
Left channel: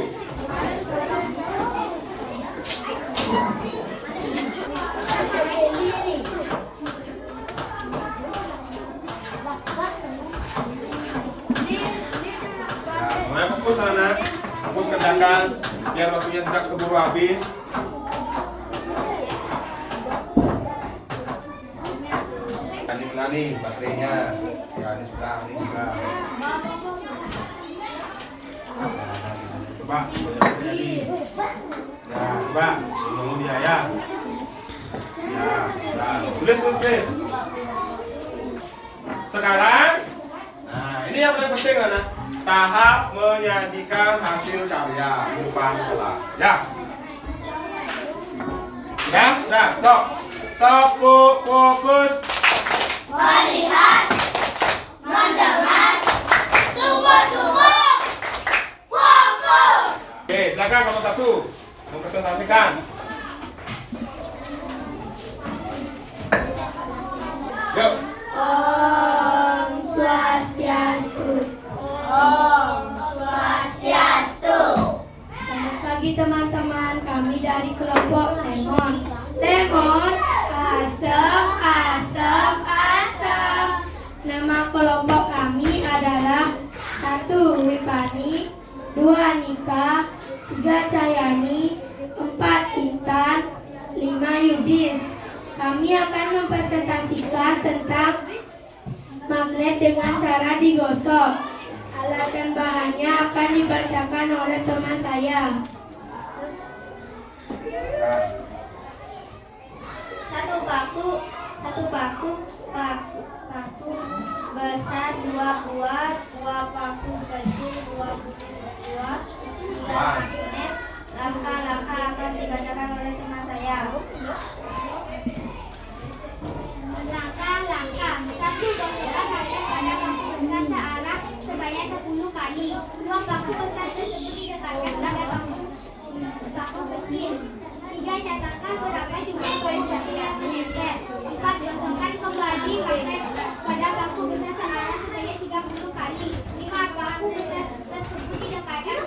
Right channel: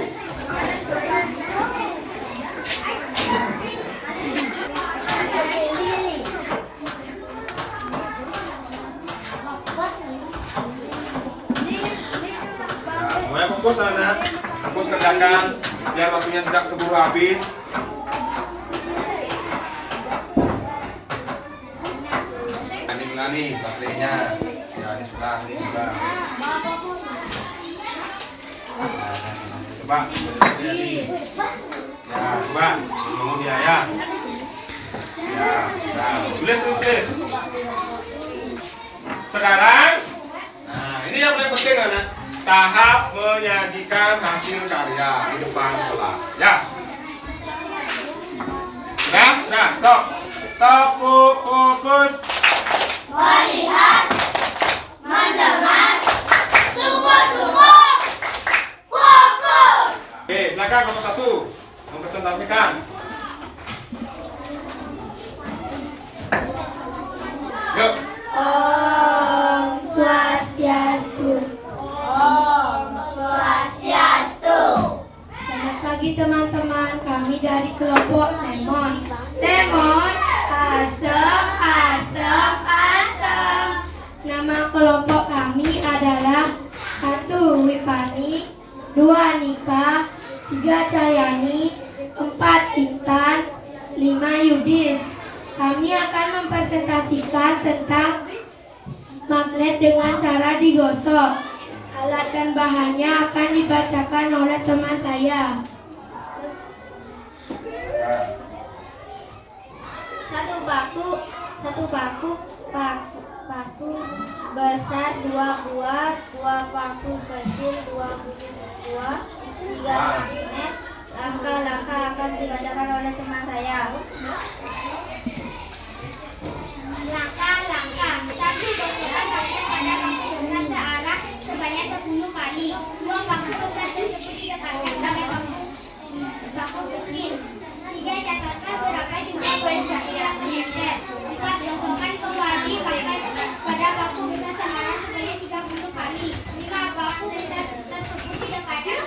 Nah, semuanya fokus anak. Fokus kerjakan biar waktunya tidak keburu habis. Nih baterainya. Ya, ini sudah. Coba, nih. Ya, coba. Tunggu dia ya. Ya, sudah. Tulis. Sekarang, nah ini yang paling penting anak. Tahap menyajikan hasil karya di depan kelas. Ya. Sudah, stop. Tepuk fokus. Melihat, mendengar, sungguh-sungguh, fokus. Oke, silakan kelompok 1 mempresentasikan. Yuk. Om Swastiastu. Om Swastiastu. Selamat pagi teman-teman, kami dari kelompok Lemon. Lemon, asem. Nama kelompok kami adalah 1. Wipani, 2. Nika, 3. Cahyani, 4. Intan, 5. Yudis. Kami akan mempresentasikan tentang magnet dengan cara digosok. Alat dan bahannya akan dibacakan oleh teman saya. 1 paku besar, 2 buah, 2 paku kecil, 2 buah, 3 magnet. Langkah-langkah akan dibacakan oleh teman saya. Langkah-langkah. 1. Gosokkan magnet pada paku besar searah sebanyak 10 kali. 2. Paku besar tersebut didekatkan pada paku kecil. 3. Catatkan berapa jumlah cahaya magnet. 4. Gosokkan kembali magnet pada paku besar searah sebanyak 30 kali. 5. Paku besar tersebut didekatkan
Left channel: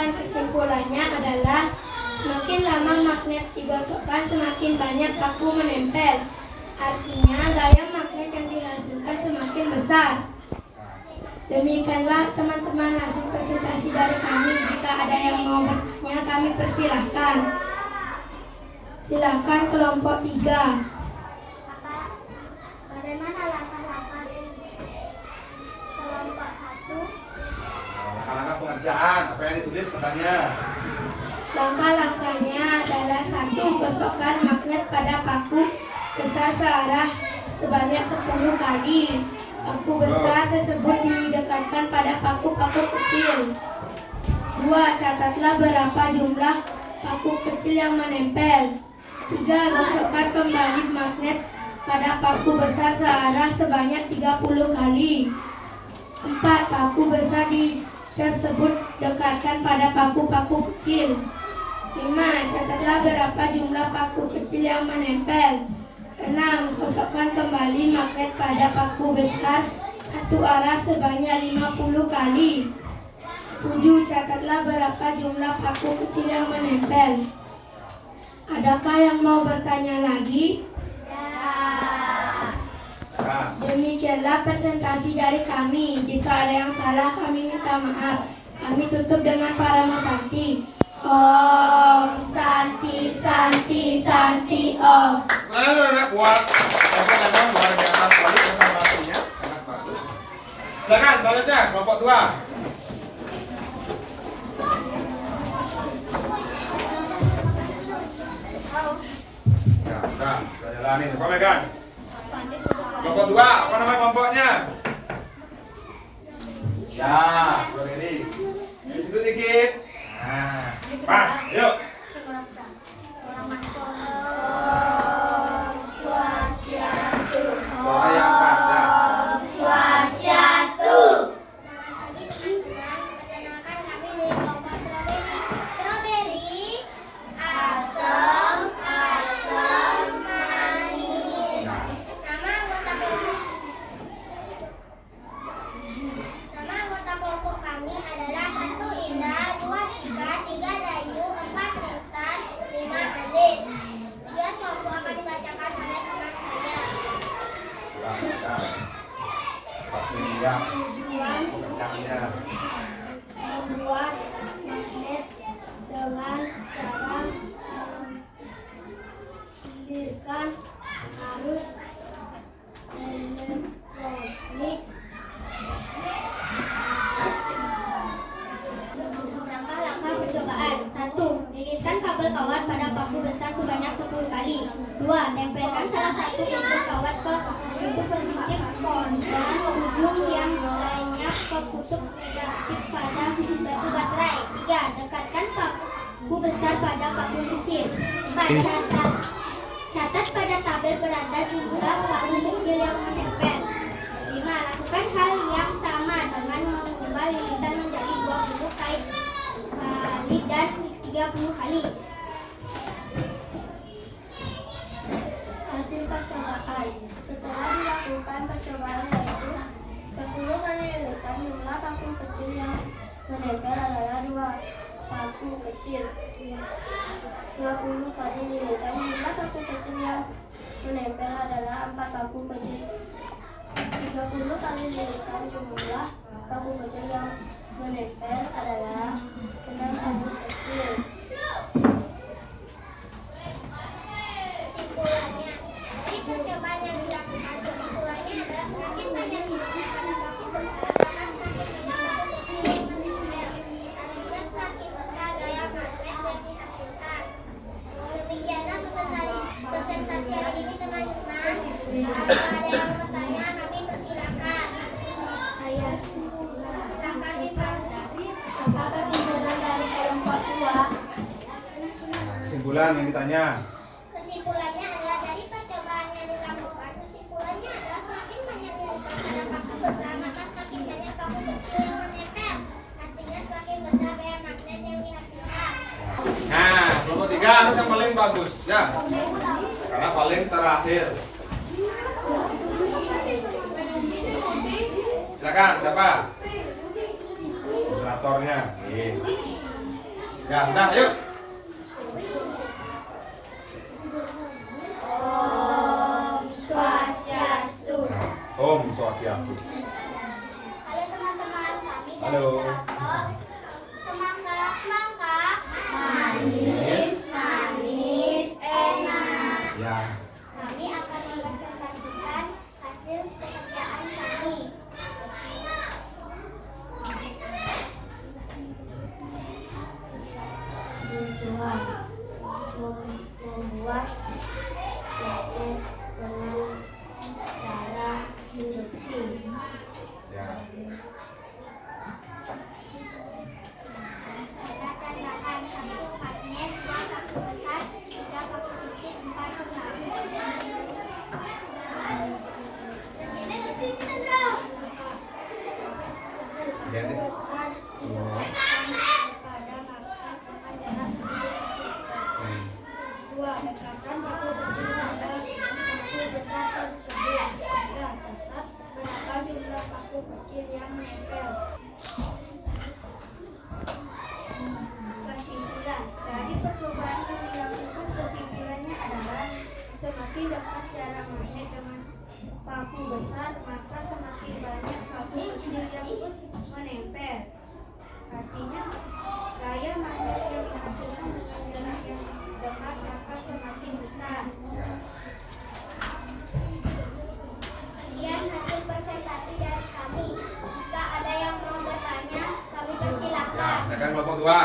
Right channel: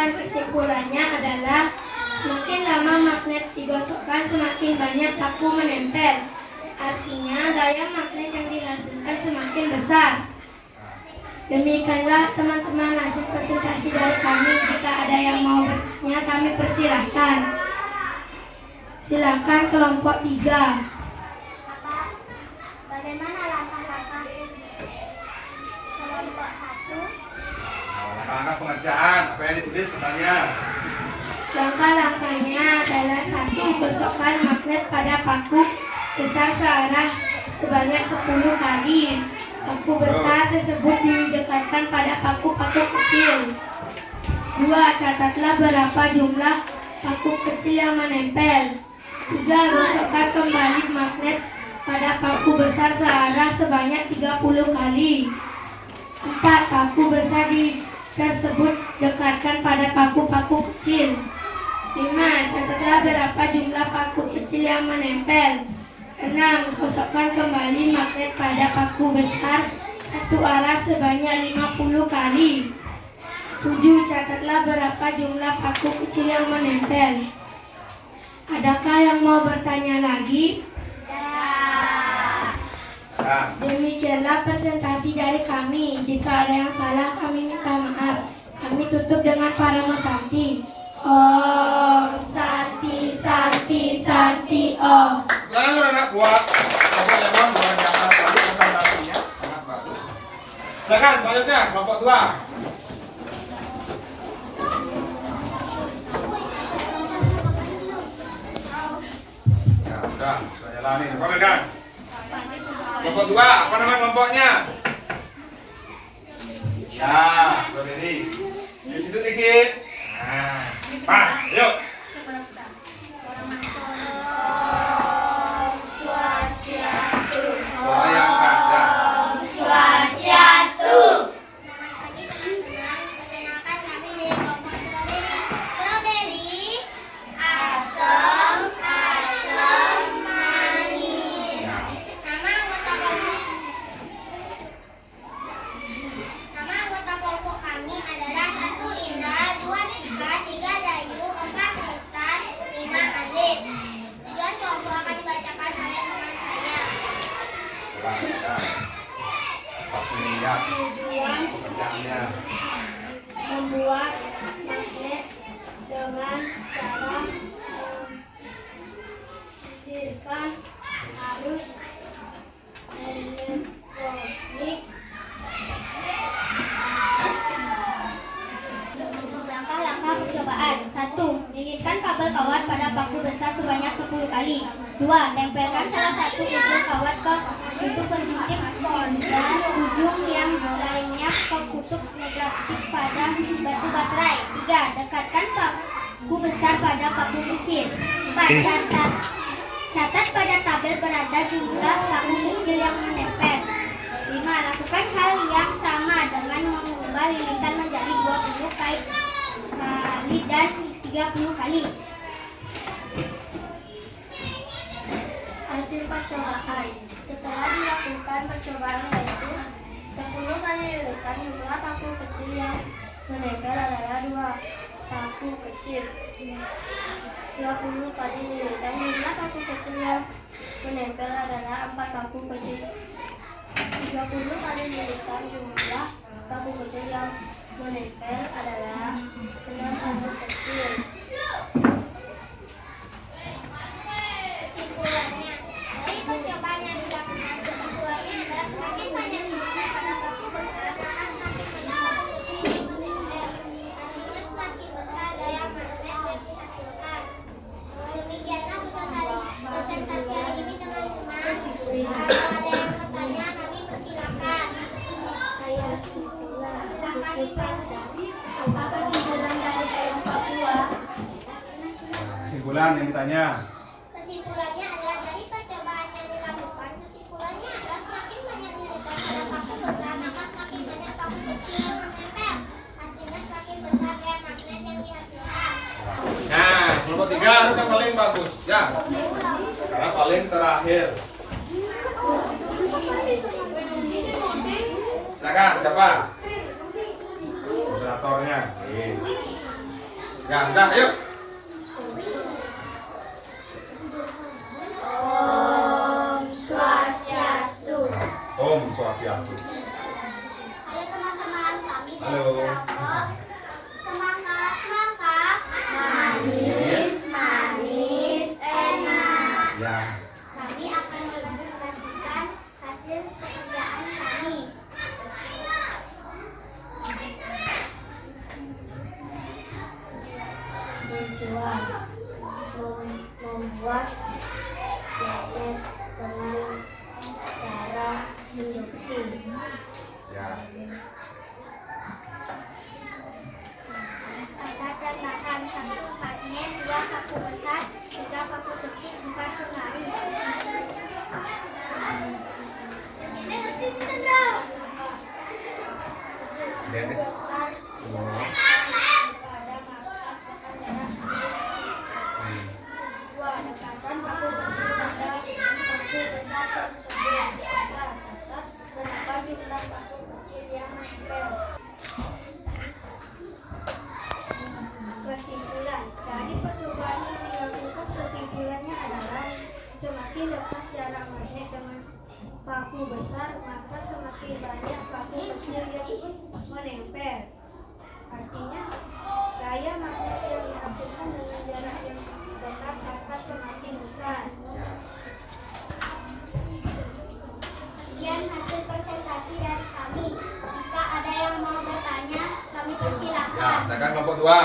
Sedangkan kesimpulannya adalah semakin lama magnet digosokkan semakin banyak paku menempel. Artinya gaya magnet yang dihasilkan semakin besar. Demikianlah teman-teman hasil presentasi dari kami. Jika ada yang mau bertanya kami persilahkan. Silakan kelompok 3. Bagaimana langkah-langkah kelompok 1? Langkah-langkah pengerjaan, apa yang ditulis katanya? Langkah-langkahnya adalah 1. Gosokkan magnet pada paku besar searah sebanyak 10 kali. Paku besar tersebut didekatkan pada paku-paku kecil. 2. Catatlah berapa jumlah paku kecil yang menempel. 3. Gosokkan kembali magnet pada paku besar searah sebanyak 30 kali. 4. Paku besar tersebut dekatkan pada paku-paku kecil. 5. Catatlah berapa jumlah paku kecil yang menempel. 6. Gosokkan kembali magnet pada paku besar satu arah sebanyak 50 kali. 7. Catatlah berapa jumlah paku kecil yang menempel. Adakah yang mau bertanya lagi? Demikianlah presentasi dari kami. Jika ada yang salah kami minta maaf. Kami tutup dengan Parama Santi. Om Santi Santi Santi Om. Anak buat kelompok yang luar biasa sekali presentasinya, sangat bagus. Silakan selanjutnya kelompok 2. Ya, sudah jalani semua pegang. Kelompok 2, apa nama kelompoknya? Ya, berdiri. Di situ dikit. Nah, pas, yuk. Suara yang keras ya. Swastiastu. Selamat pagi teman-teman. Perkenalkan kami dari kelompok strawberry. Asam, asam manis. Nama anggota kelompok kami adalah 1 Indah, 2 Tika, 3 Dayu, 4 Tristan, 5 Azim. Tujuan kelompok akan dibacakan oleh teman saya. Siap. Pekerjaannya. Membuat magnet dengan cara menghadirkan arus elektronik. Langkah-langkah percobaan. 1. Lilitkan kabel kawat pada paku besar sebanyak 10 kali. 2. Tempelkan salah satu ujung kawat ke kutub positif dan ujung yang lainnya ke kutub negatif pada batu baterai. 3. Dekatkan paku besar pada paku kecil. 4. Catat pada tabel beranda jumlah paku kecil yang menempel. 5. Lakukan hal yang sama dengan mengubah lilitan menjadi 20 kali dan 30 kali. Hasil percobaan. Setelah dilakukan percobaan yaitu 10 kali lilitan, jumlah paku kecil yang menempel adalah 2 paku kecil. 20 kali lilitan, jumlah paku kecil yang menempel adalah 4 paku kecil. 30 kali lilitan, jumlah paku kecil yang menempel adalah 6 paku kecil. Kesimpulannya, dari percobaan yang dilakukan, kesimpulannya adalah semakin banyak lilitan pada paku besar, maka semakin banyak paku kecil yang menempel. Artinya semakin besar gaya magnet yang dihasilkan. Demikianlah presentasi hari ini teman-teman. Kalau ada yang bertanya, kami persilakan. Saya apa kesimpulan dari kelompok 2? Kesimpulan yang ditanya. Kesimpulannya adalah dari percobaan yang dilakukan, kesimpulannya adalah semakin banyak lilitan pada paku besar, maka semakin banyak paku kecil yang menempel. Artinya semakin besar gaya magnet yang dihasilkan. Nah, kelompok 3 harus yang paling bagus. Ya. Karena paling terakhir. Silakan, siapa? Moderatornya. Ya, udah, ayo. Om Swastiastu. Om Swastiastu. Halo teman-teman, kami dari Halo. kelompok semangka. Manis, manis, enak. Ya. Kami akan mempresentasikan hasil pekerjaan kami. Tujuan membuat magnet dengan cara induksi. Ya. Atas dan makan 1 magnet, 2 paku besar, 3 paku kecil, 4 penggaris. Bendek. Besar Oh. pada magnet Hmm. 2. Dekatkan paku kecil pada paku besar tersebut. 3. Catat berapa jumlah paku kecil yang menempel. Kesimpulan dari percobaan yang dilakukan, kesimpulannya adalah semakin dekat jarak magnet dengan paku besar, maka semakin banyak paku kecil yang menempel. Artinya, gaya magnet yang dihasilkan dengan jarak yang dekat akan semakin besar. Ya. Sekian hasil presentasi dari kami. Jika ada yang mau bertanya, kami Ya, persilahkan. silakan kelompok 2.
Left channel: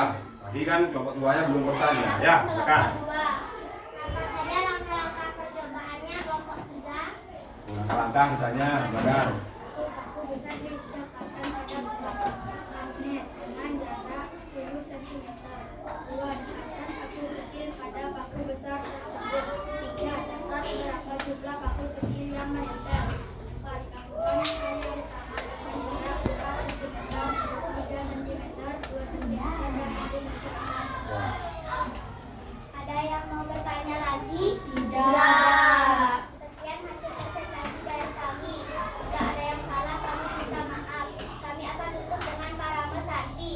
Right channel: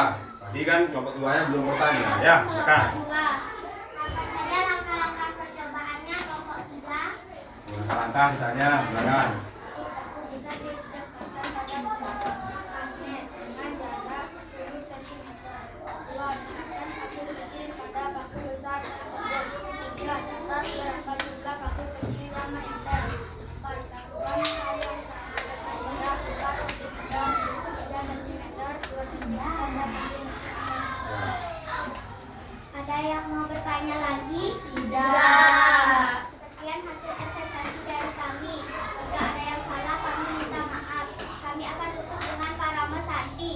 Tadi kan kelompok 2-nya belum bertanya. Ya, silakan. Kelompok 2. Apa saja langkah-langkah percobaannya? Kelompok 3. Langkah-langkah ditanya, silakan. Paku besar didekatkan pada magnet dengan jarak 10 cm. 2. Dekatkan paku kecil pada paku besar tersebut. 3. Catat berapa jumlah paku kecil yang menempel. 4. Lakukan hal yang sama dengan jarak 4 cm, 3 cm, 2 cm, dan 1 cm. Ya. Ada yang mau bertanya lagi? Tidak. Sekian hasil presentasi dari kami. Jika ada yang salah, kami minta maaf. Kami akan tutup dengan parama santi.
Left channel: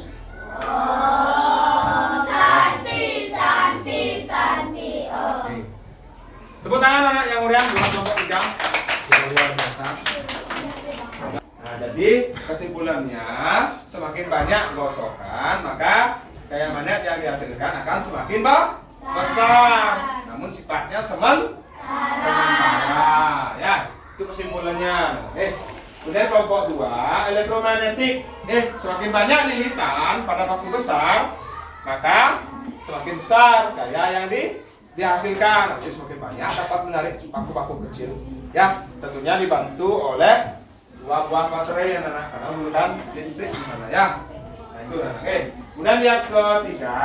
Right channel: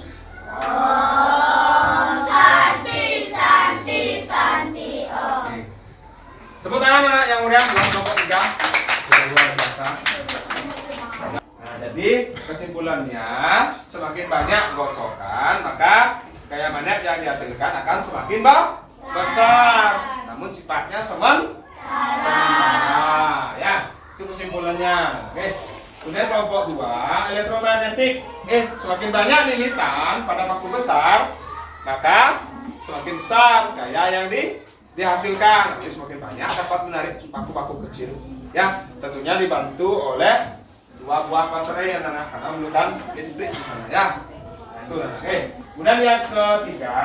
Oke. Tepuk tangan anak yang meriah buat kelompok 3. Luar biasa. Nah, jadi kesimpulannya semakin banyak gosokan, maka gaya magnet yang dihasilkan akan semakin besar. Namun sifatnya sementara. Ya, itu kesimpulannya. Oke. Kemudian kelompok 2, elektromagnetik. Semakin banyak lilitan pada paku besar, maka semakin besar gaya yang dihasilkan. Nanti semakin banyak dapat menarik paku-paku kecil. Ya, tentunya dibantu oleh 2 buah baterai anak-anak karena menggunakan listrik di sana ya. Nah, itu anak. Kemudian yang ketiga,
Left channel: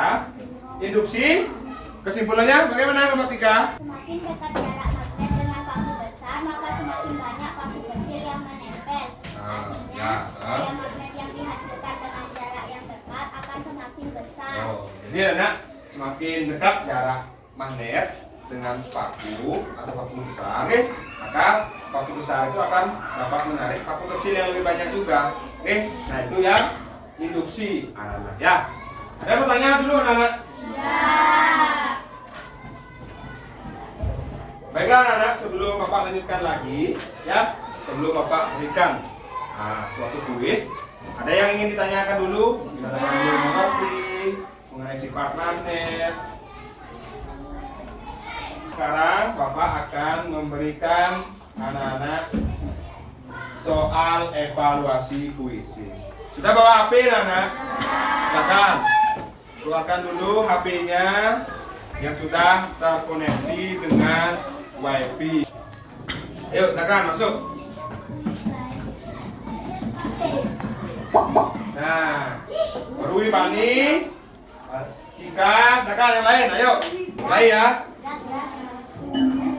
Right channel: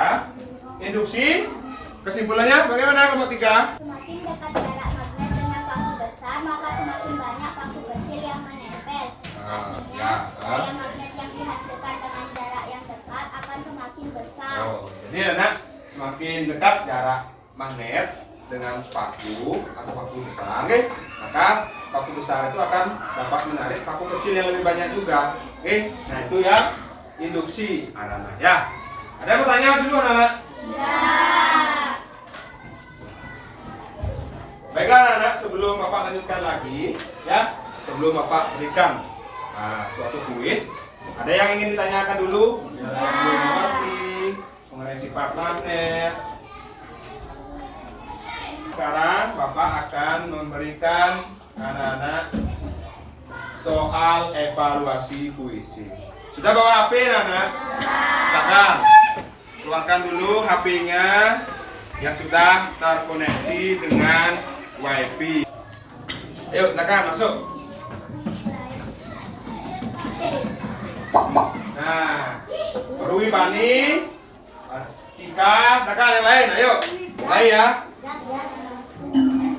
induksi. Kesimpulannya bagaimana kelompok 3? Semakin dekat jarak magnet dengan paku besar, maka semakin banyak paku kecil yang menempel. Artinya, gaya magnet yang dihasilkan dengan jarak yang dekat akan semakin besar. Oh, jadi anak semakin dekat jarak magnet dengan paku atau paku besar, oke? Maka paku besar itu akan dapat menarik paku kecil yang lebih banyak juga, oke? Nah itu ya induksi anak-anak. Ya, ada yang bertanya dulu anak-anak? Baiklah anak-anak, sebelum Bapak lanjutkan lagi, ya, sebelum Bapak berikan suatu kuis, ada yang ingin ditanyakan dulu? Ada yang belum mengerti mengenai sifat magnet. Sekarang Bapak akan memberikan anak-anak soal evaluasi puisis. Sudah bawa HP anak-anak? Silakan keluarkan dulu HP-nya yang sudah terkoneksi dengan WiFi. Ayo, silakan masuk. Nah, Rui Bani, Cika, silakan yang lain. Ayo, mulai ya.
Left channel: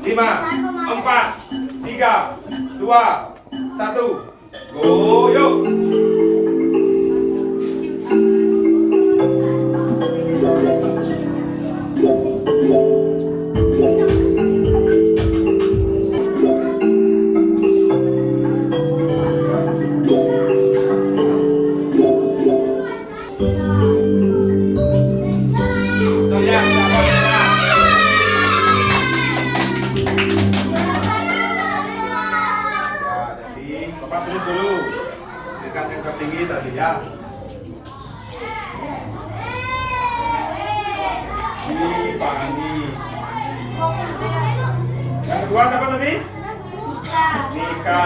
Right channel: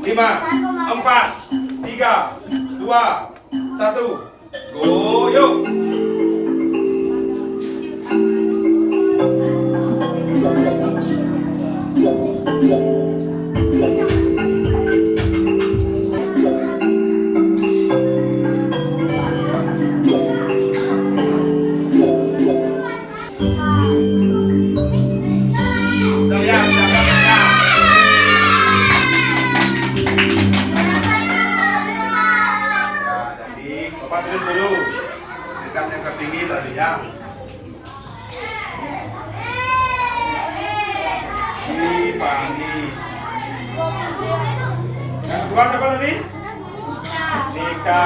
5, 4, 3, 2, 1, go, yuk. Fani. Yang kedua siapa tadi? Nika.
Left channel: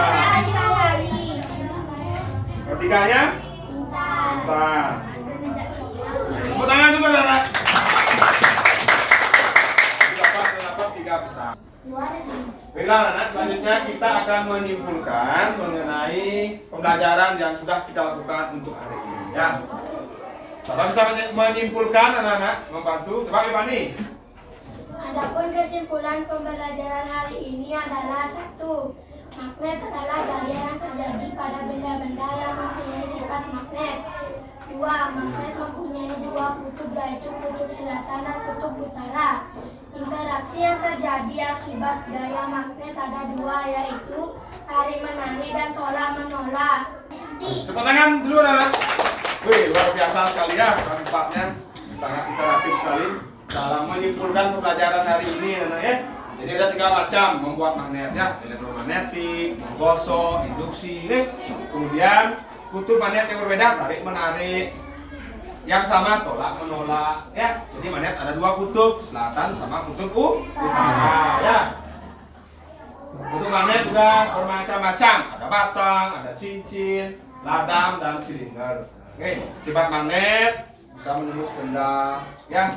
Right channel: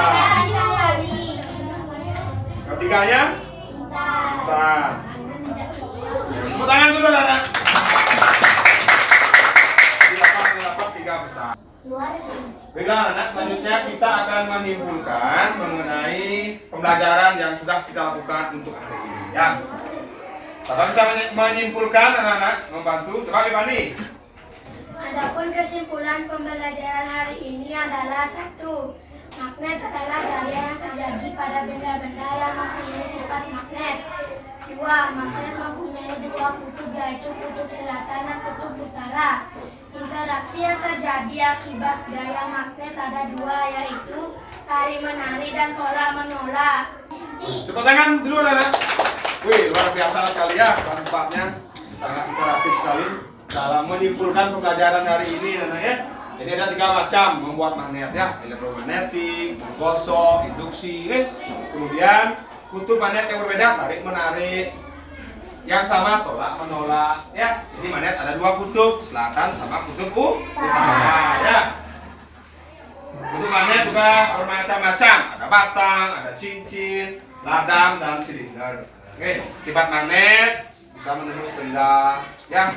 Ketiganya? Intan. Tepuk tangan dulu, anak. Dapat 3 besar. Baiklah anak, selanjutnya kita akan menyimpulkan mengenai pembelajaran yang sudah kita lakukan untuk hari ini. Ya. Siapa bisa menyimpulkan anak-anak? Membantu? Coba Fani. Adapun kesimpulan pembelajaran hari ini adalah 1. Magnet adalah daya yang terjadi pada benda-benda yang mempunyai sifat magnet. 2. Magnet mempunyai 2 kutub, yaitu kutub selatan dan kutub utara. Interaksi yang terjadi akibat daya magnet ada 2, yaitu tarik-menarik dan tolak-menolak. Tepuk tangan dulu anak. Wih, luar biasa sekali ya tempatnya. Sangat interaktif sekali dalam menyimpulkan pembelajaran hari ini anak ya. Jadi ada 3 macam membuat magnet ya, elektromagnetik, menggosok, induksi. Kemudian kutub magnet yang berbeda, tarik menarik. Yang sama tolak menolak ya. Jadi magnet ada 2 kutub, selatan sama kutub utara ya. Kutub magnet juga bermacam-macam, ada batang, ada cincin, ladang dan silinder. Oke, sifat magnet bisa menembus benda ya.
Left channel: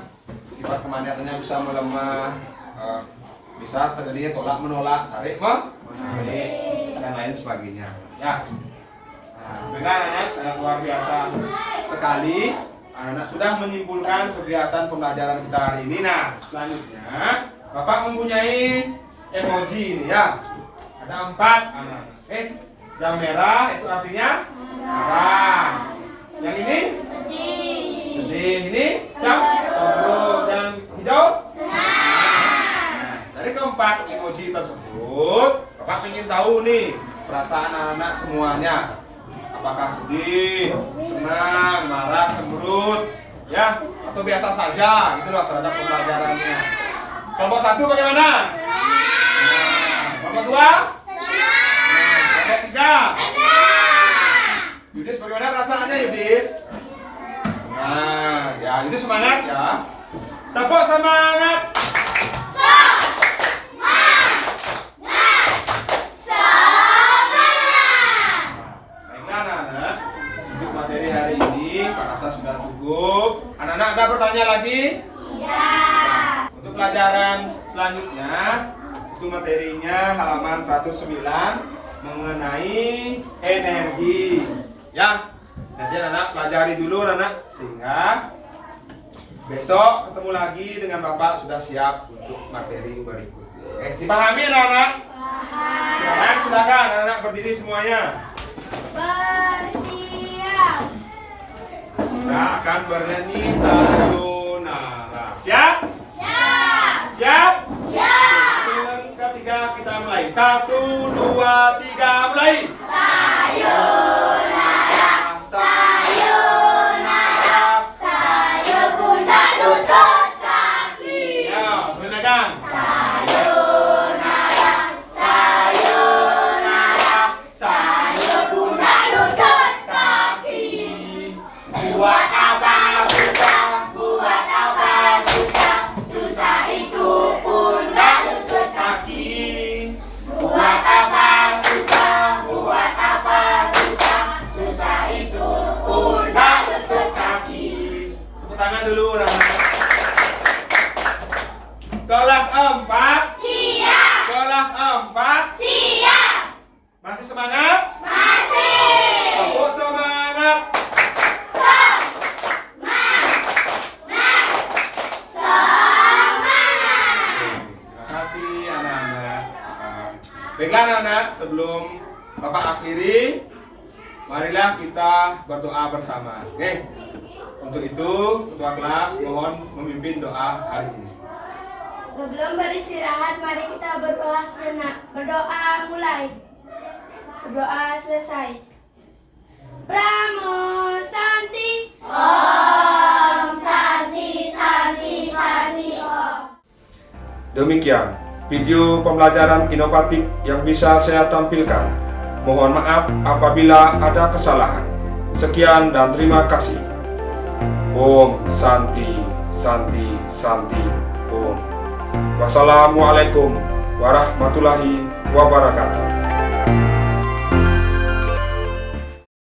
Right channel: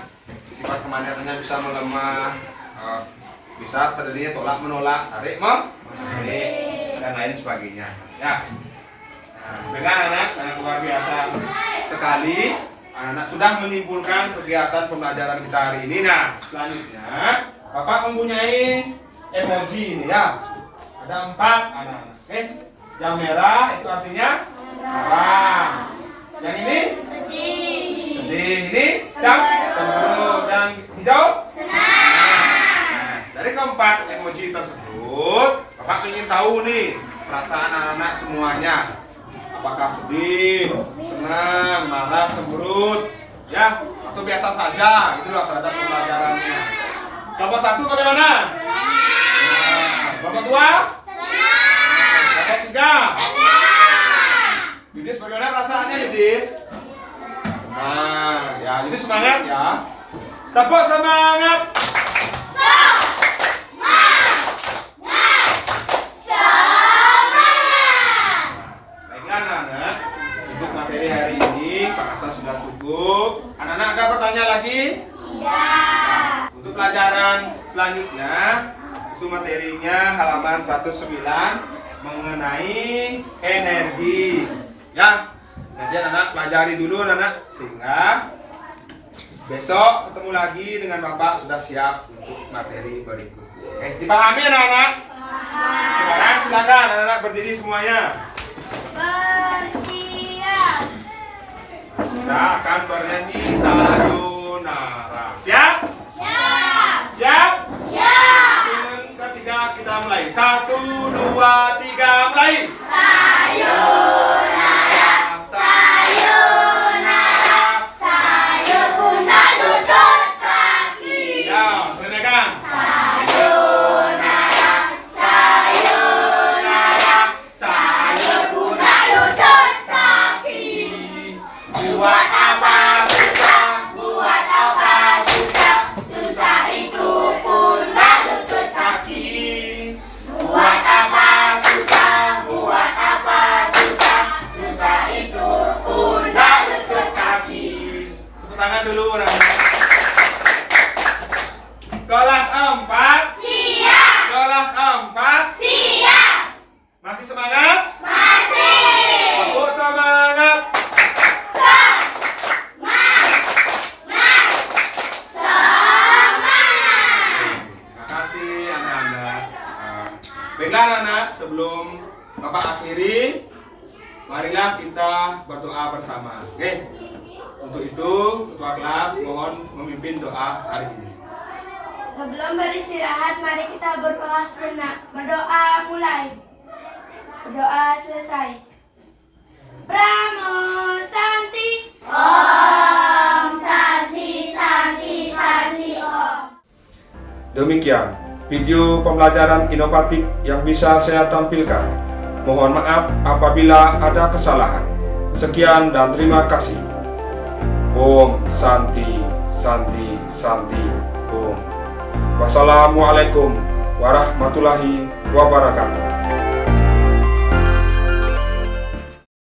Sifat kemagnetannya bisa melemah, bisa terjadi tolak menolak, tarik menarik dan lain sebagainya ya. Nah, dengan anak sangat luar biasa sekali. Anak sudah menyimpulkan kegiatan pembelajaran kita hari ini. Nah, selanjutnya Bapak mempunyai emoji ini ya. Ada 4 anak-anak. Oke, yang merah itu artinya marah. Yang ini sedih. Ini cemburu. Yang hijau senang. Dari keempat emoji tersebut, Bapak ingin tahu nih perasaan anak-anak semuanya. Apakah sedih, senang, marah, cemberut, ya, atau biasa saja, gitulah terhadap pembelajarannya. Kelompok 1 bagaimana? Nah, kelompok 2? Kelompok 3? Yudis bagaimana perasaannya Yudis? Senang, ya, Yudis semangat ya. Tepuk semangat. Materi hari ini Pak Rasa sudah cukup. Anak-anak ada bertanya lagi? Iya. Untuk pelajaran selanjutnya itu materinya halaman 109 mengenai energi. Ya. Nanti anak-anak pelajari dulu anak-anak sehingga besok ketemu lagi dengan Bapak sudah siap untuk materi berikutnya. Oke, dipahami anak-anak? Sekarang silakan anak-anak berdiri semuanya. Kita akan bernyanyi sayonara. Siap? Siap? Siap. Ketiga kita mulai. 1, 2, 3 mulai. Sayonara, sayonara, sayur bunda lutut kaki. Ya, silakan. Sayonara, sayonara, sayur bunda lutut kaki. Buat apa susah, buat apa susah, susah itu pundak lutut kaki. Buat apa susah, buat apa susah, susah itu pundak lutut kaki. Tepuk tangan dulu anak-anak. Kelas 4 siap. Kelas 4 siap. Masih semangat? Masih. Tepuk semangat. Baiklah anak-anak, sebelum Bapak akhiri, marilah kita berdoa bersama. Oke. Untuk itu, ketua kelas mohon memimpin doa hari ini. Sebelum beristirahat, mari kita berdoa sejenak. Berdoa mulai. Berdoa selesai. Pramo Santi. Om Santi Santi Santi Om. Demikian video pembelajaran inovatif yang bisa saya tampilkan. Mohon maaf apabila ada kesalahan. Sekian dan terima kasih. Om Santi Santi Santi hukum. Wassalamualaikum warahmatullahi wabarakatuh.